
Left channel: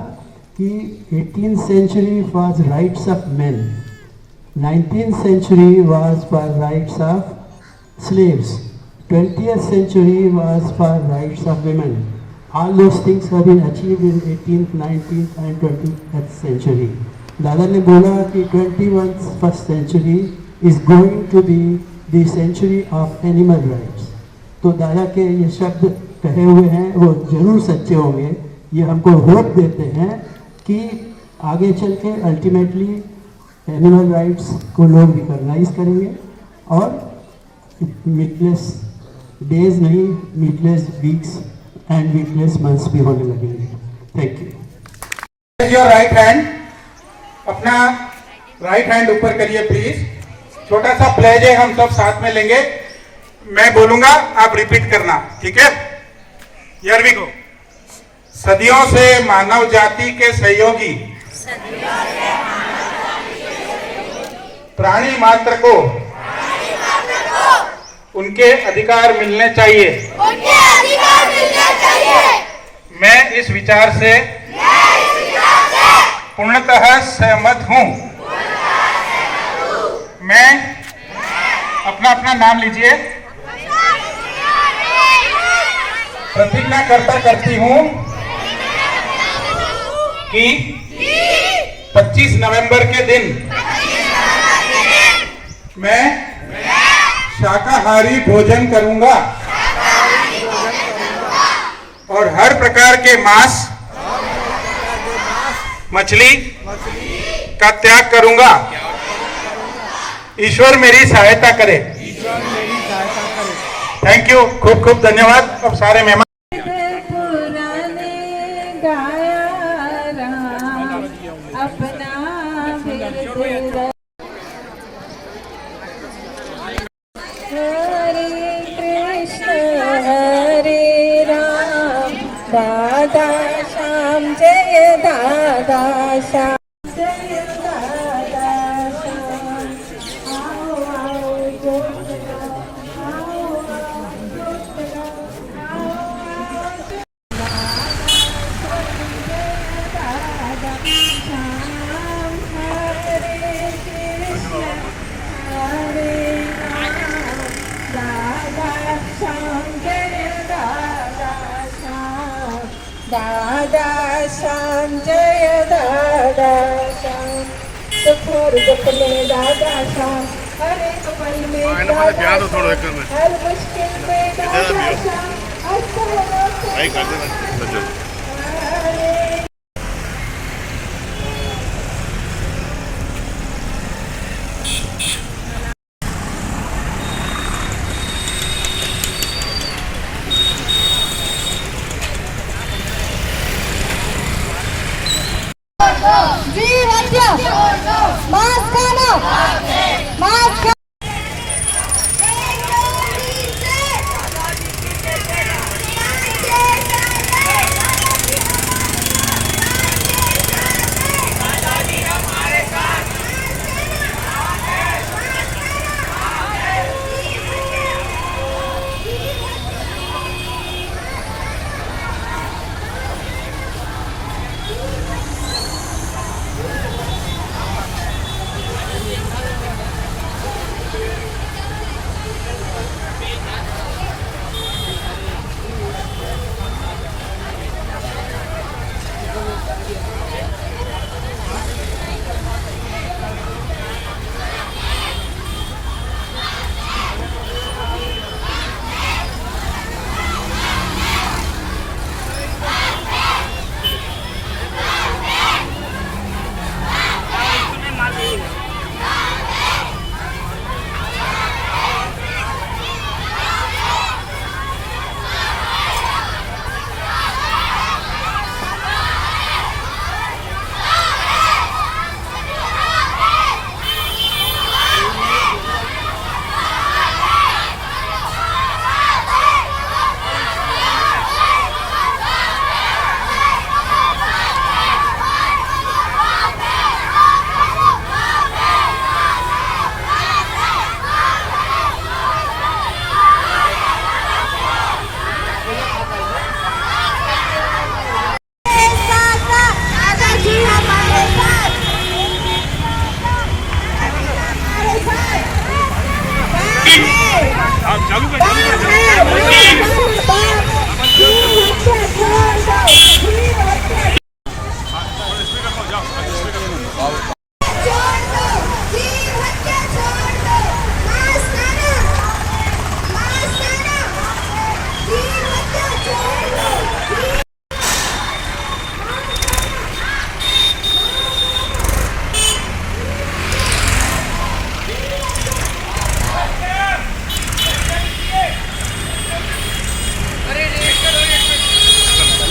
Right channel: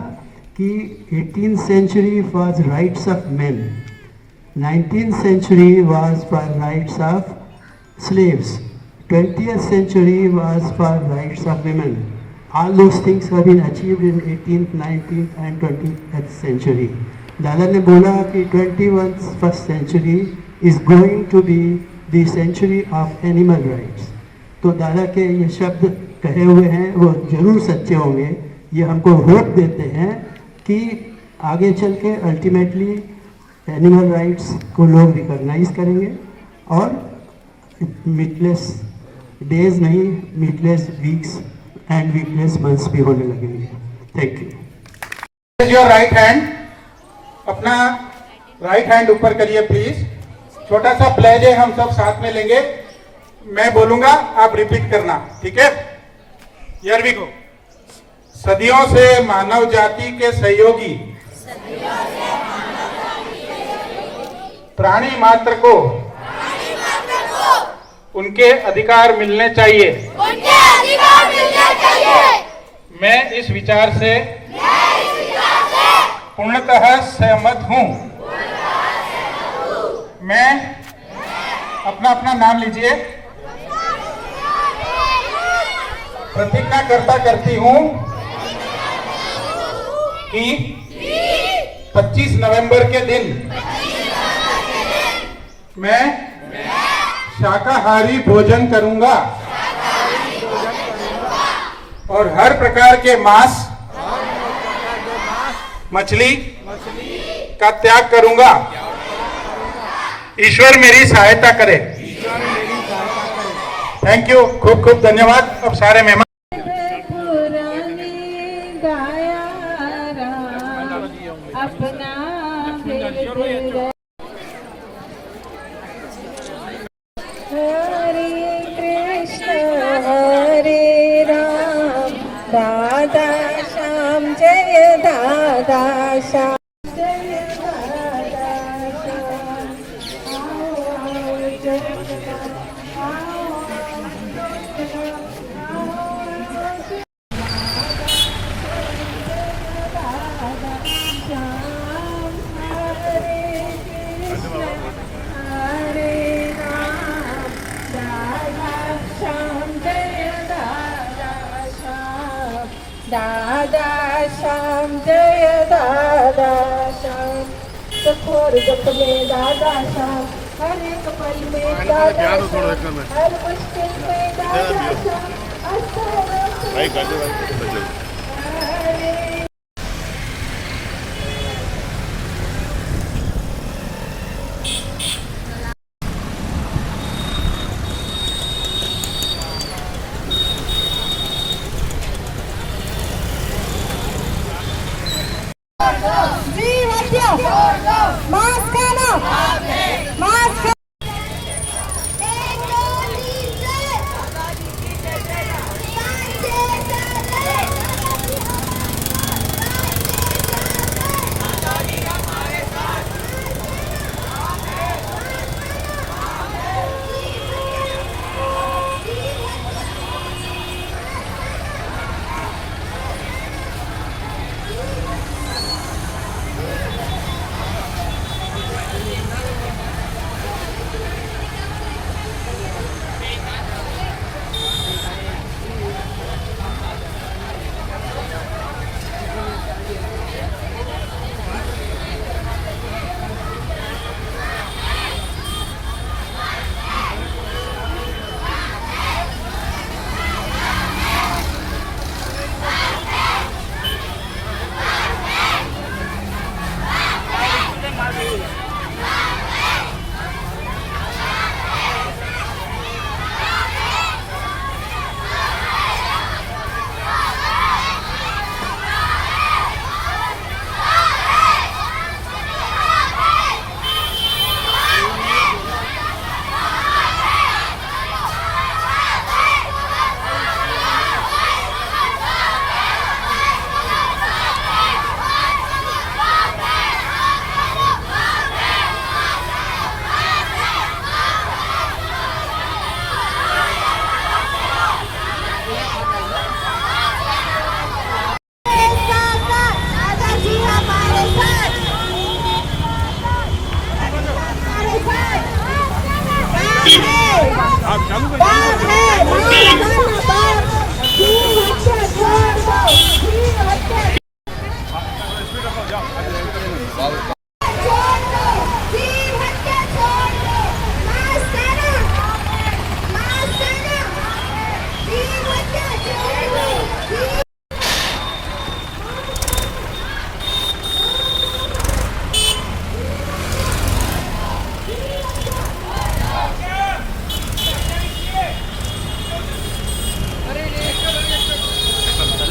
कि 18th century was rights of men, 19th century was for rights of slaves, 20th century was for rights of women. All those things have been achieved in 18th, 19th and 20th century. दादा ने बोला कि 21st century is going to be the century of animal rights. तो दादा के ये शब्द कहे हुए हैं वो जरूर सच्चे होंगे। ये हमको होप देते हैं कि आगे चल के अल्टीमेटली एनिमल राइट्स को लोग रिकॉग्नाइज करेंगे और मीटलेस डेज नहीं, मीटलेस वीक्स एंड वीकलेस मंथ्स भी होने लगेंगे। Thank you. Your right hand, अपना राइट हैंड ऊपर करिए प्लीज। छोटा सा प्लेज है, हम सब साथ में लेंगे, मैं बोलूंगा आप रिपीट करना, ठीक है? Here we go. सदियों से मानव जाति के सहयोगी प्राणी मात्र को उनके अधिकार मिलने चाहिए। मैं इस विचार से पूर्णतः सहमत हूँ। मैं अपना अपना नाम लीजिए। प्रतिज्ञा करती हूँ कि 25 नवंबर के दिन मैं शाकाहारी भोजन करूंगा और हर प्रकार के मांस, मछली का त्याग करूंगा। ईश्वर मेरी सहायता करे। थैंक यू, खूब खूब धन्यवाद। अब सारे मेहमान हरे कृष्ण हरे राम, दादा श्याम जय दादा श्याम, जय दादा श्याम, आओ आओ जय दादा श्याम जय दादा श्याम सखोर जपले दादा श्याम हर एक पल में हर मुश्किल में दादा श्याम जी हत्या मास्क खाना मास्क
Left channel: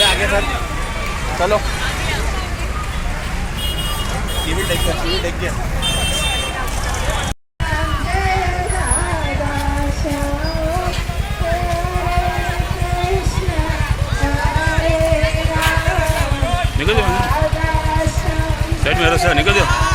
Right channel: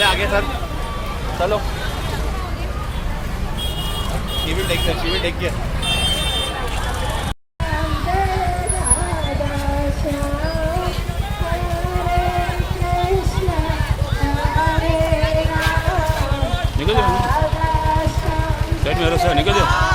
आगे सर चलो ये भी टेक के निकल जाओ साइड में रहो निकल जाओ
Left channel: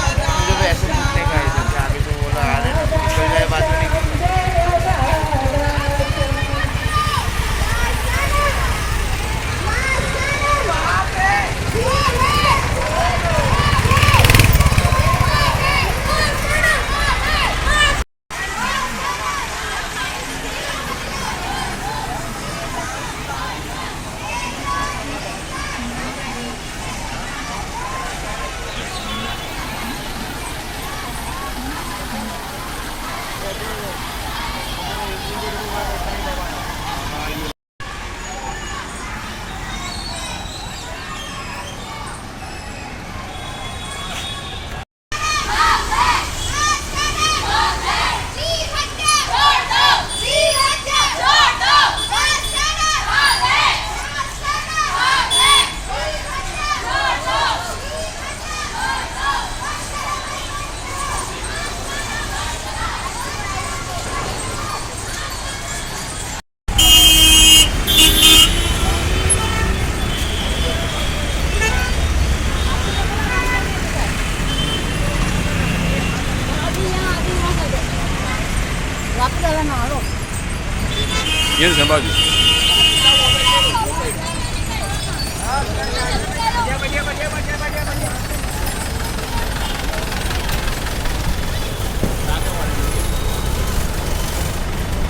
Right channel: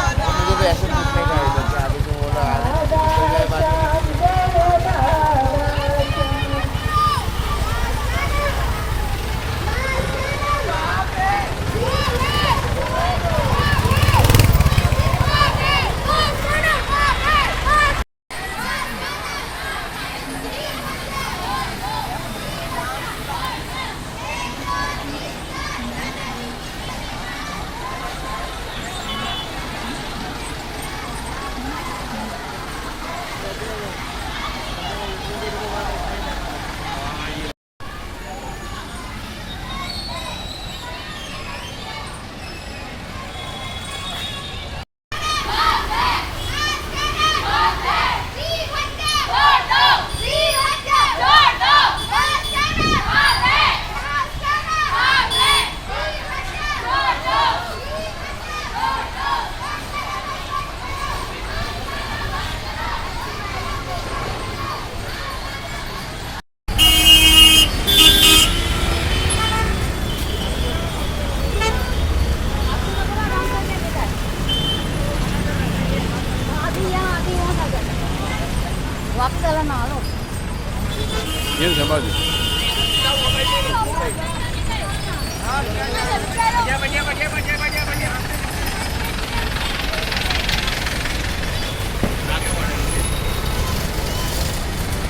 ये संभाल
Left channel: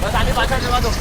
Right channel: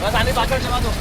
बस आने पाछड़ जमा दो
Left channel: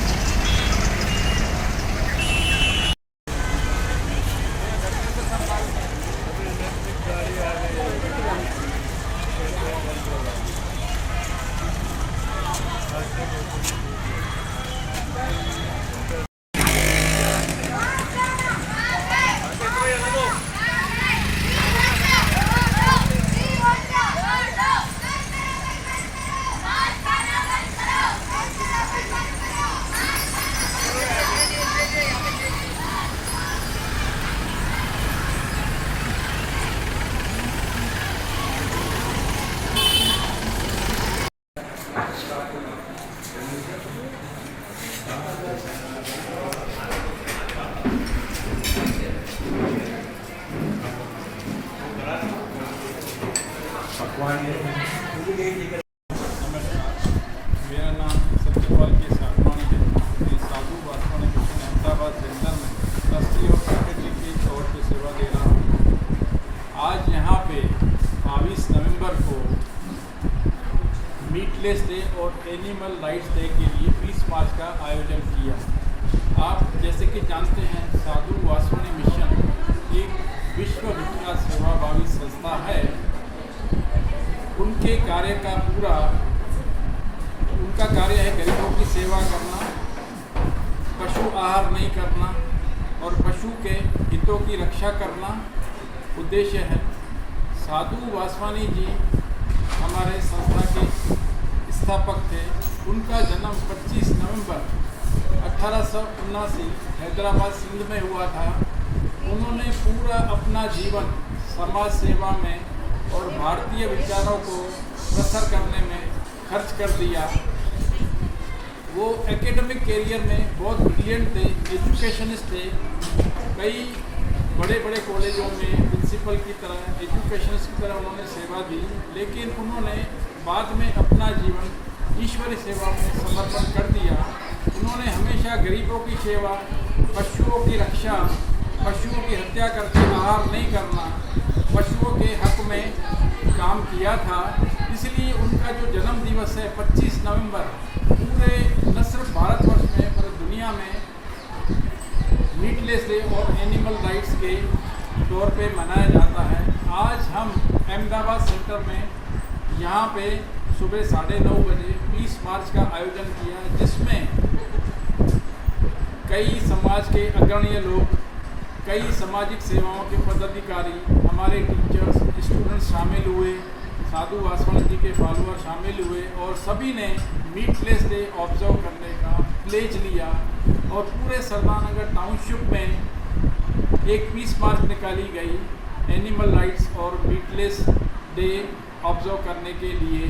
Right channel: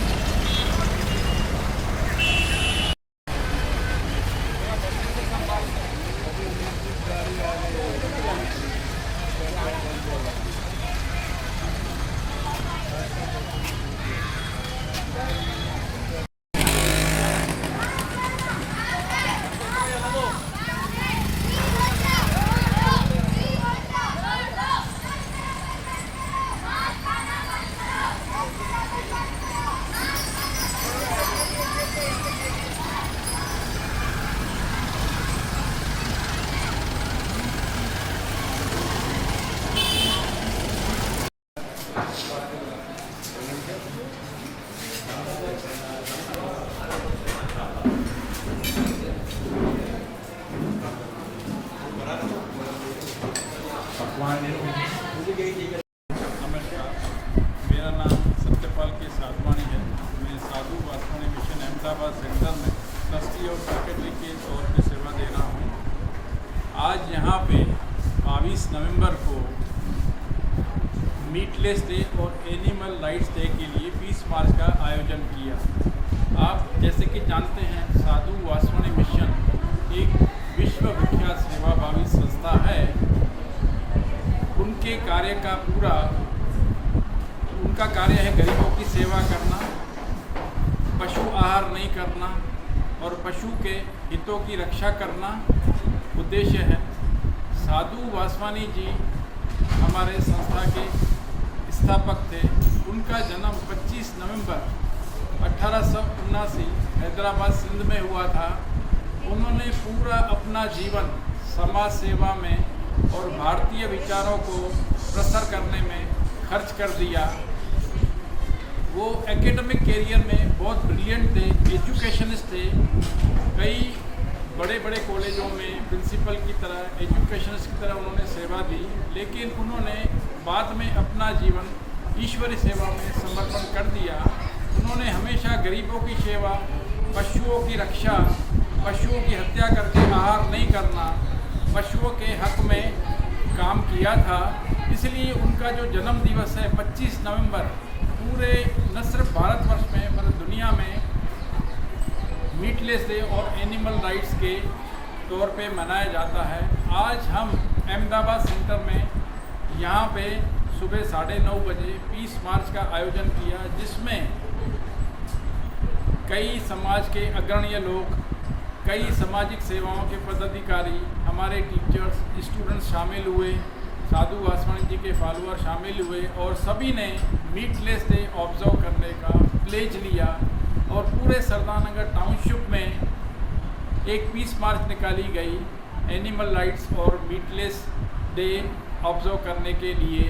नमस्कार, मेरा नाम सत्यपाल के साधवानी है। मैं साधु वासवानी मिशन अहमदाबाद सेंटर में ट्रस्टी और सेक्रेटरी के तौर पे सेवा दे रहा हूँ। आज यहाँ पे 22 नवंबर को मीटलेस डे और एनिमल राइट्स डे के लिए पीस मार्च का आयोजन किया। आप जैसे कि जानते हैं, साधु वासवानी मिशन एक विश्व विख्यात सेवाभावी संस्था है। उनके कार्य का उनका कार्य है गरीबों की सेवा करना, पशु आहार नहीं करना और पशु के हितों की रक्षा करना उद्देश्य है। साधु वासवानी जी हमारे संस्था के स्थापक थे। उनका जन्म 25 नवंबर 1879 हैदराबाद सिंध में हुआ था। उन्होंने पूरा अपना जीवन समाज सेवा में और भारतीय विचारों को प्रसार करने में खर्च कर दिया। वो एकेडमिक कैरियर में बहुत ब्रिलियंट थे, एजुकेशनिस्ट थे। कई बड़े बड़े कॉलेजों में प्रिंसिपल की तरह, एजुकेशनिस्ट की तरह उन्होंने सेवा दी, लेकिन उन्होंने बाद में अपना जीवन ईश्वरीय सेवा में समर्पण कर दिया। उन्होंने हमेशा गरीबों की सेवा, पशुओं की रक्षा, पशुओं की हत्या करके आहार नहीं करना, पशुओं के हक में काम किया था। इसलिए उनका जो जन्म दिवस है 25 नवंबर पूरे न सिर्फ भारतवर्ष में मतलब दुनिया में मीटलेस डे और एनिमल राइट्स के तौर पे मनाया जाता है। आज हम अहमदाबाद सेंटर में यहाँ पे सुबह 9:30 बजे पीस मार्च का आयोजन किया, जिसमें कई समाज के अग्रणी लोग, कई सामाजिक सेवाओं के पदाधिकारी, हमारे टीचर्स, स्टूडेंट्स शामिल हुए, साधु वासवानी जी के फॉलोअर शामिल हुए और सभी ने मीटलेस डे ऑब्जर्व करने का प्लेज लिया और पूरे सरदारनगर टाउनशिप में एक पीस मार्च निकाली गई एनिमल राइट्स और मीटलेस डे ऑब्जर्व करने के लिए।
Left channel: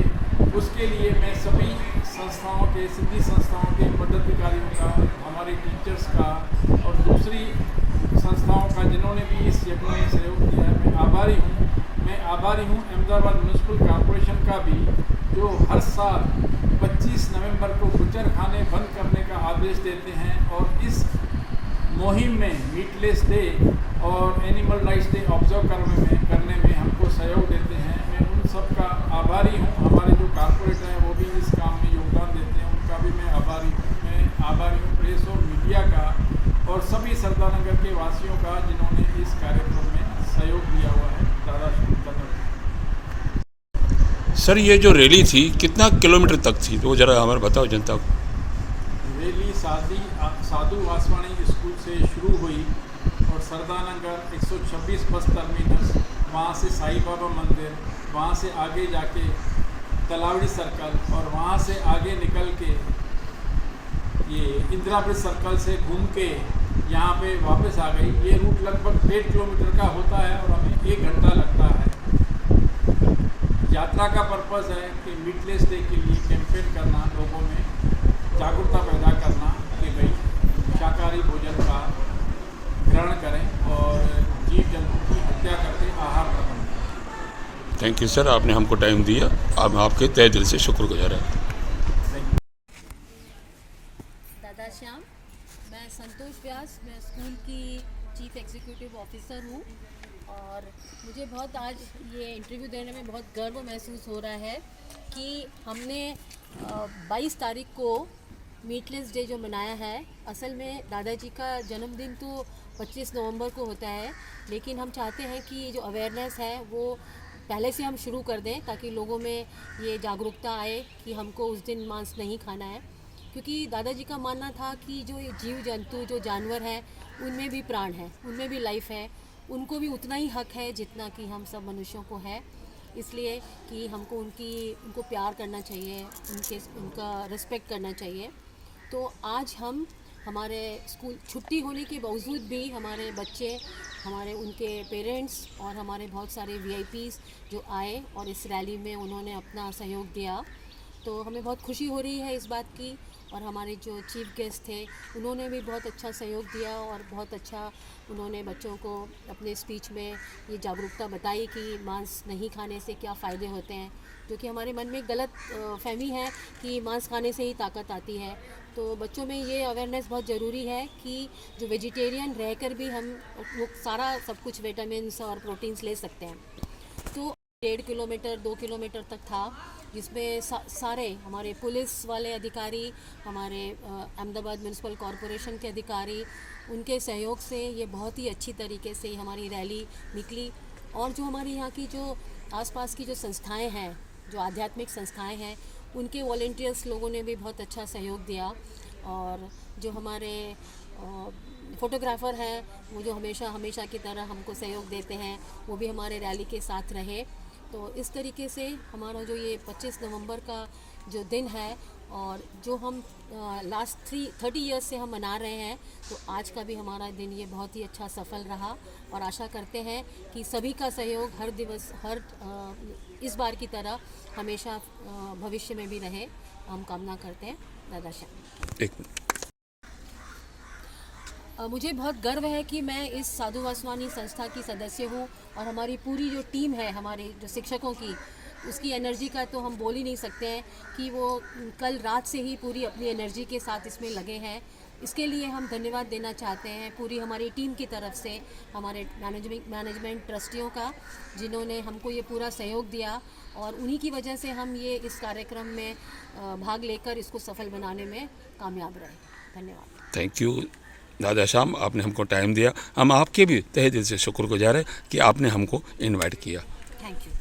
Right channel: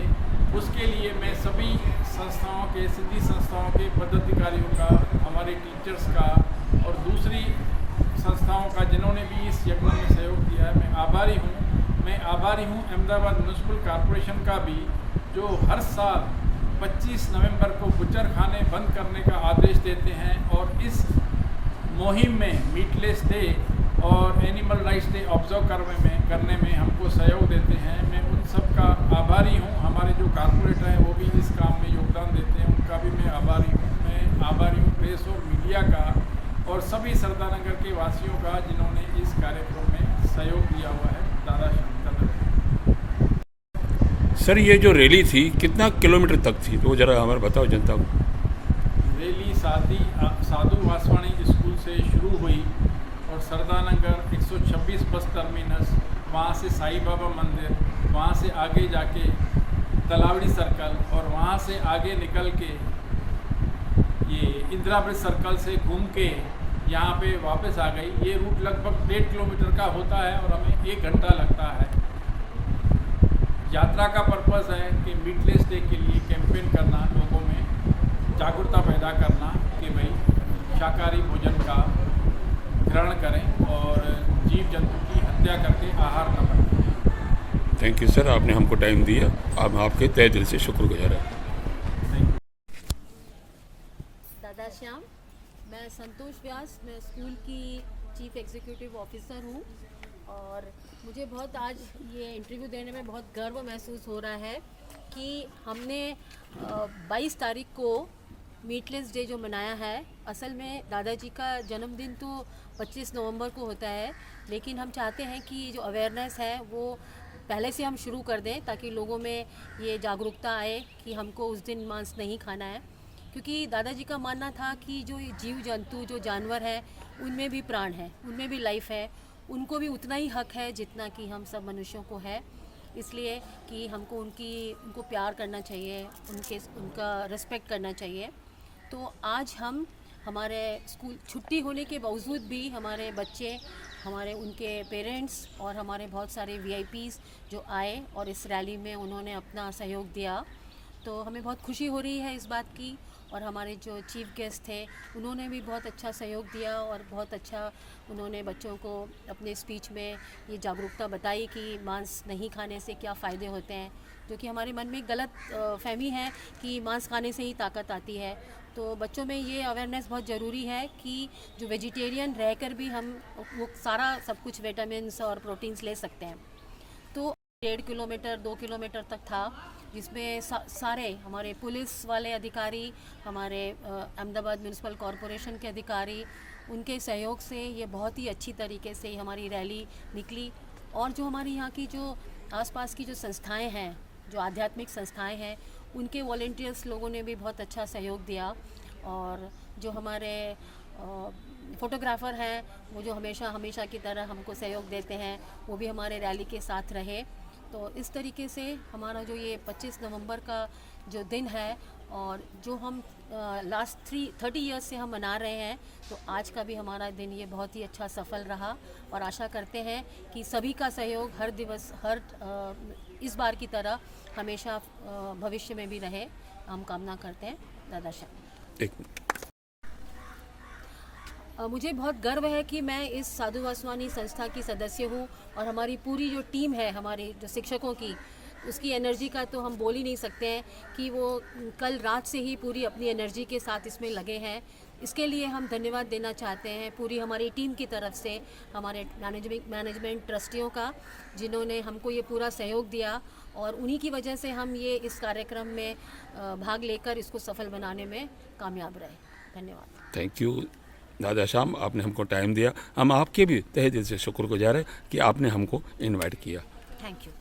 उसके लिए मैं सभी संस्थाओं के, सिंधी संस्थाओं के पदाधिकारियों का, हमारे टीचर्स का और दूसरी संस्थाओं का जिन्होंने भी इस यज्ञ में सहयोग दिया है, मैं आभारी हूँ। मैं आभारी हूँ अहमदाबाद म्यूनसिपल कॉरपोरेशन का भी, जो हर साल 25 नवंबर को बुचर खाने बंद करने का आदेश देते हैं और इस मुहिम में मीटलेस डे और एनिमल राइट्स डे ऑब्जर्व करने में हमको सहयोग देते हैं। मैं उन सब का आभारी हूँ। हमारे जो कॉरपोरेटर हैं वो भी इस काम में योगदान देते हैं, उनका भी मैं आभारी हूँ। मैं आभारी हूँ प्रेस और मीडिया का और सभी सरदारनगर के वासियों का जिन्होंने इस कार्यक्रम में सहयोग दिया हुआ है। दादा श्री कदर। सर, ये जो रैली थी कितना किलोमीटर तक थी, तो जरा हमारे बताओ जनता को। रैली साधु वासवानी स्कूल से शुरू हुई और सरदारनगर 126 बस टर्मिनस, वहाँ से साईं बाबा मंदिर, वहाँ से आगे जाके तलावड़ी सर्कल और वहाँ से आगे निकल के ये इंदिरा ब्रिज सर्कल से घूम के यहाँ पे वापस आ गई। ये रूट लगभग 1.5 किलोमीटर का होता है और हमें 1 घंटा लगता है। यात्रा का पर्पस है कि मीटलेस डे के लिए कैंपेन करना, लोगों में जागरूकता पैदा करना कि भाई शाकाहारी भोजन का ग्रहण करें और जीव जंतु की हत्या करके आहार न बनें। थैंक यू सर, आपने हमको टाइम दिया। आप आपके तहे दिल से शुक्रगुजार हैं। दादा श्याम, मैं संतोष व्यास, मैं स्कूल की चीफ एग्जीक्यूटिव ऑफिसर हूँ और मुझे बहुत आज ये इंटरव्यू देने में बहुत गर्व महसूस हो रहा है कि हमने 22 तारीख को मीटलेस डे जो मनाया है। असल में दादाजी का जन्मदिन तो 25 नवंबर को होता है, लेकिन हम चाहते हैं कि ये जो अवेयरनेस है वो पहले से हम शुरू कर दें ताकि लोगों में ये जागरूकता आए कि हमको उस दिन मांस नहीं खाना है। क्योंकि दादाजी का मानना था कि जो जीव जंतु, जो जानवर है, उनमें भी प्राण है, उनमें भी लाइफ है, उनको भी उतना ही हक है जितना कि हम सब मनुष्यों को है। इसलिए कि हमको उनको प्यार करना चाहिए, उनका रिस्पेक्ट करना चाहिए। तो आज हम हमारे स्कूल छुट्टी होने के बावजूद भी हमारे बच्चे, हमारे उनके पेरेंट्स और हमारे बहुत सारे VIPs जो आए और इस रैली में उन्होंने अपना सहयोग दिया, तो हमें बहुत खुशी हो रही है इस बात की। और हमारे जो चीफ गेस्ट थे उन्होंने भी बहुत अच्छा सहयोग दिया और बहुत अच्छा उन्होंने बच्चों को अपने स्पीच में ये जागरूकता बताई कि मांस नहीं खाने से क्या फ़ायदे होते हैं, क्योंकि हमारे मन में गलत फहमी है कि मांस खाने से ही ताकत आती है। तो बच्चों में ये अवेयरनेस बहुत ज़रूरी है कि जो वेजिटेरियन रहकर भी हम वो सारा सब कुछ विटामिन्स और प्रोटीन्स ले सकते हैं। तो 1.5 किलोमीटर 2 किलोमीटर तक था, जिसमें सारे हमारे पुलिस वाले अधिकारी, हमारे अहमदाबाद म्यूनिसिपल कॉरपोरेशन के अधिकारी, उनके सहयोग से ये बहुत ही अच्छी तरीके से हमारी रैली निकली। और जो हमारी यहाँ की जो आसपास की जो संस्थाएं हैं, जो आध्यात्मिक संस्थाएं हैं, उनके वॉलंटियर्स लोगों ने भी बहुत अच्छा सहयोग दिया। और जो हमारे फोटोग्राफ़र हैं वो जो हमेशा की तरह हमको सहयोग देते हैं, वो भी हमारे रैली के साथ रहे। तो इस तरीके से हमारा जो ये 25 नवंबर का जो दिन है और जो हम लास्ट 30 ईयर्स से हम मना रहे हैं, तो आज का भी हमारा दिन ये बहुत ही अच्छा सफल रहा। और आशा करते हैं कि सभी का सहयोग हर दिवस इस बार की तरह हमेशा भविष्य में भी रहे, हम कामना करते हैं। दादा श्याम। एक मिनट। मुझे बहुत गर्व है कि मैं इस साधु वासवानी संस्था की सदस्य हूँ और हमारी पूरी जो टीम है, हमारे जो शिक्षकों की, उसकी एनर्जी का तो हम बोल ही नहीं सकते हैं कि वो कल रात से ही पूरी अपनी एनर्जी के साथ इसमें लगे हैं। इसके लिए हम धन्यवाद देना चाहते हैं पूरी हमारी टीम की तरफ से, हमारे मैनेजमेंट ट्रस्टियों का, जिन्होंने हमको ये पूरा सहयोग दिया और उन्हीं की वजह से हम ये इस कार्यक्रम में भाग लेकर इसको सफल बनाने में कामयाब रहे। धन्यवाद। थैंक यू दादा श्याम, आपने हमको टाइम दिया। हम आपके भी तहे दिल से शुक्रगुजार हैं कि आपने हमको इनवाइट किया। Thank you.